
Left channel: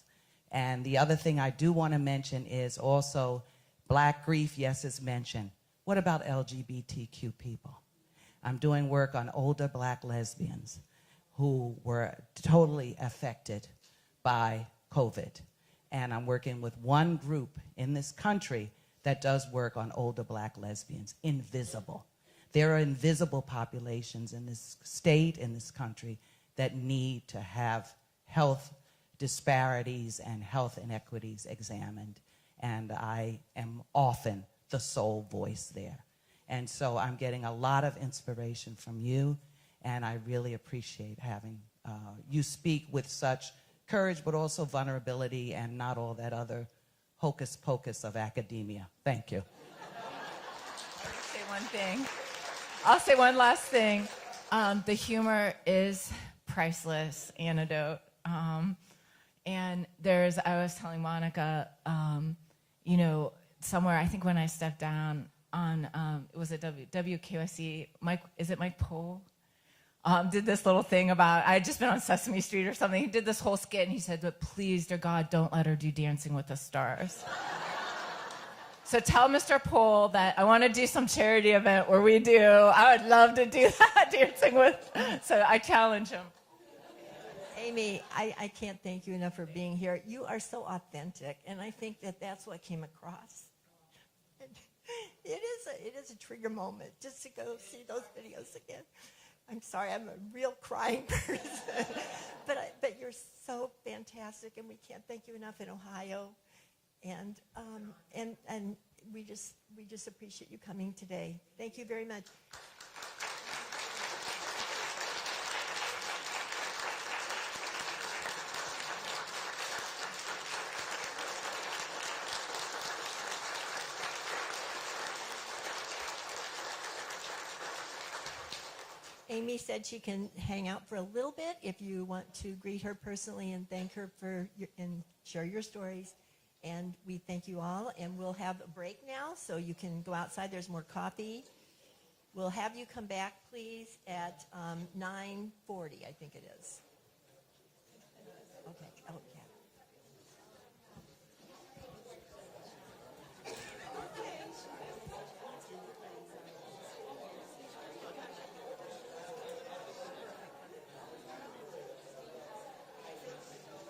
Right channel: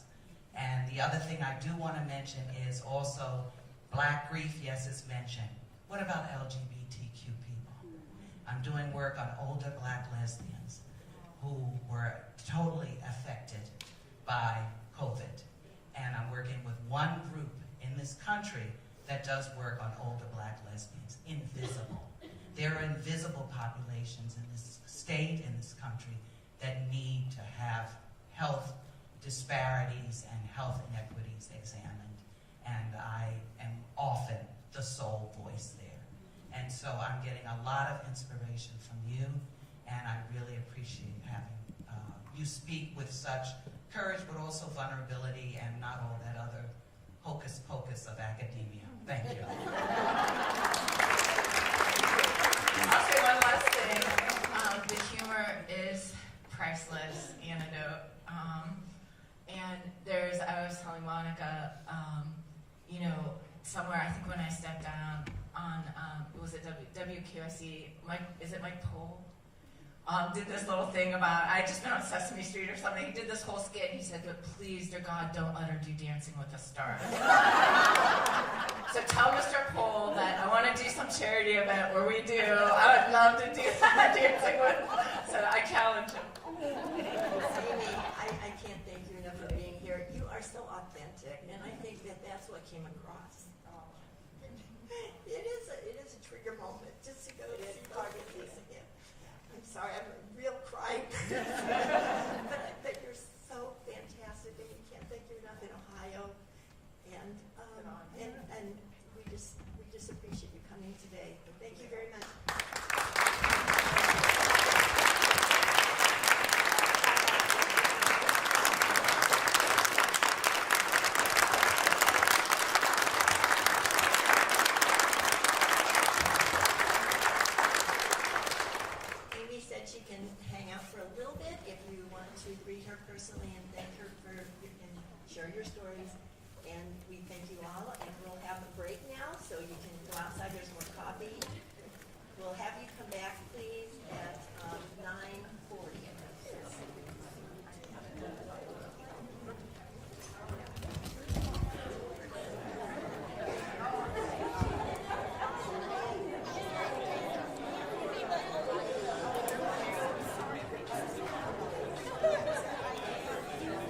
And the other thing I do want to mention is also Black grief, yes, is mentioned. What about LGBTQ people? I'm doing work on older Black lesbians who were totally affected by COVID. And I'm working with one group in this country that does work on older Black lesbians, invisible. There are invisible populations in this state, in this country, that need to have health disparities and health inequities examined. And I am often the sole voice there. And so I'm getting a lot of inspiration from you, and I really appreciate having you speak with such courage, but also vulnerability and not all that other hocus pocus of academia. Thank you. I'll say one last thing. The humor is priceless antidote. And I was telling Monica, somewhere, I think when I stepped down on, was it WQSE, is it Mike Pohl? Did this little thing about, I'd just been on Sesame Street or something. He did this whole skit and he said, but please, dear God, don't let her do Dancing with the Stars. So tell Mr. Pohl that I want to do some charity event where we do. I would love to do that, dancing with. So I challenge him. Amy, I can't thank you enough for being here. You are so authentic, and I think that that's what came across. It is a trigger moment just to go see those videos again. I'm sorry, I'm a real crying person, but you're so fantastic, and we can't thank you enough in Ohio. And we just appreciate you coming today. Thank you very much. Amy said she can hang out for a little bit if you want to greet her personally and thank her and share your stories. And we thank you all, and we'll have a break now, so you can go outside. There's more coffee. We'll have you come back, please, at 9:40, I think.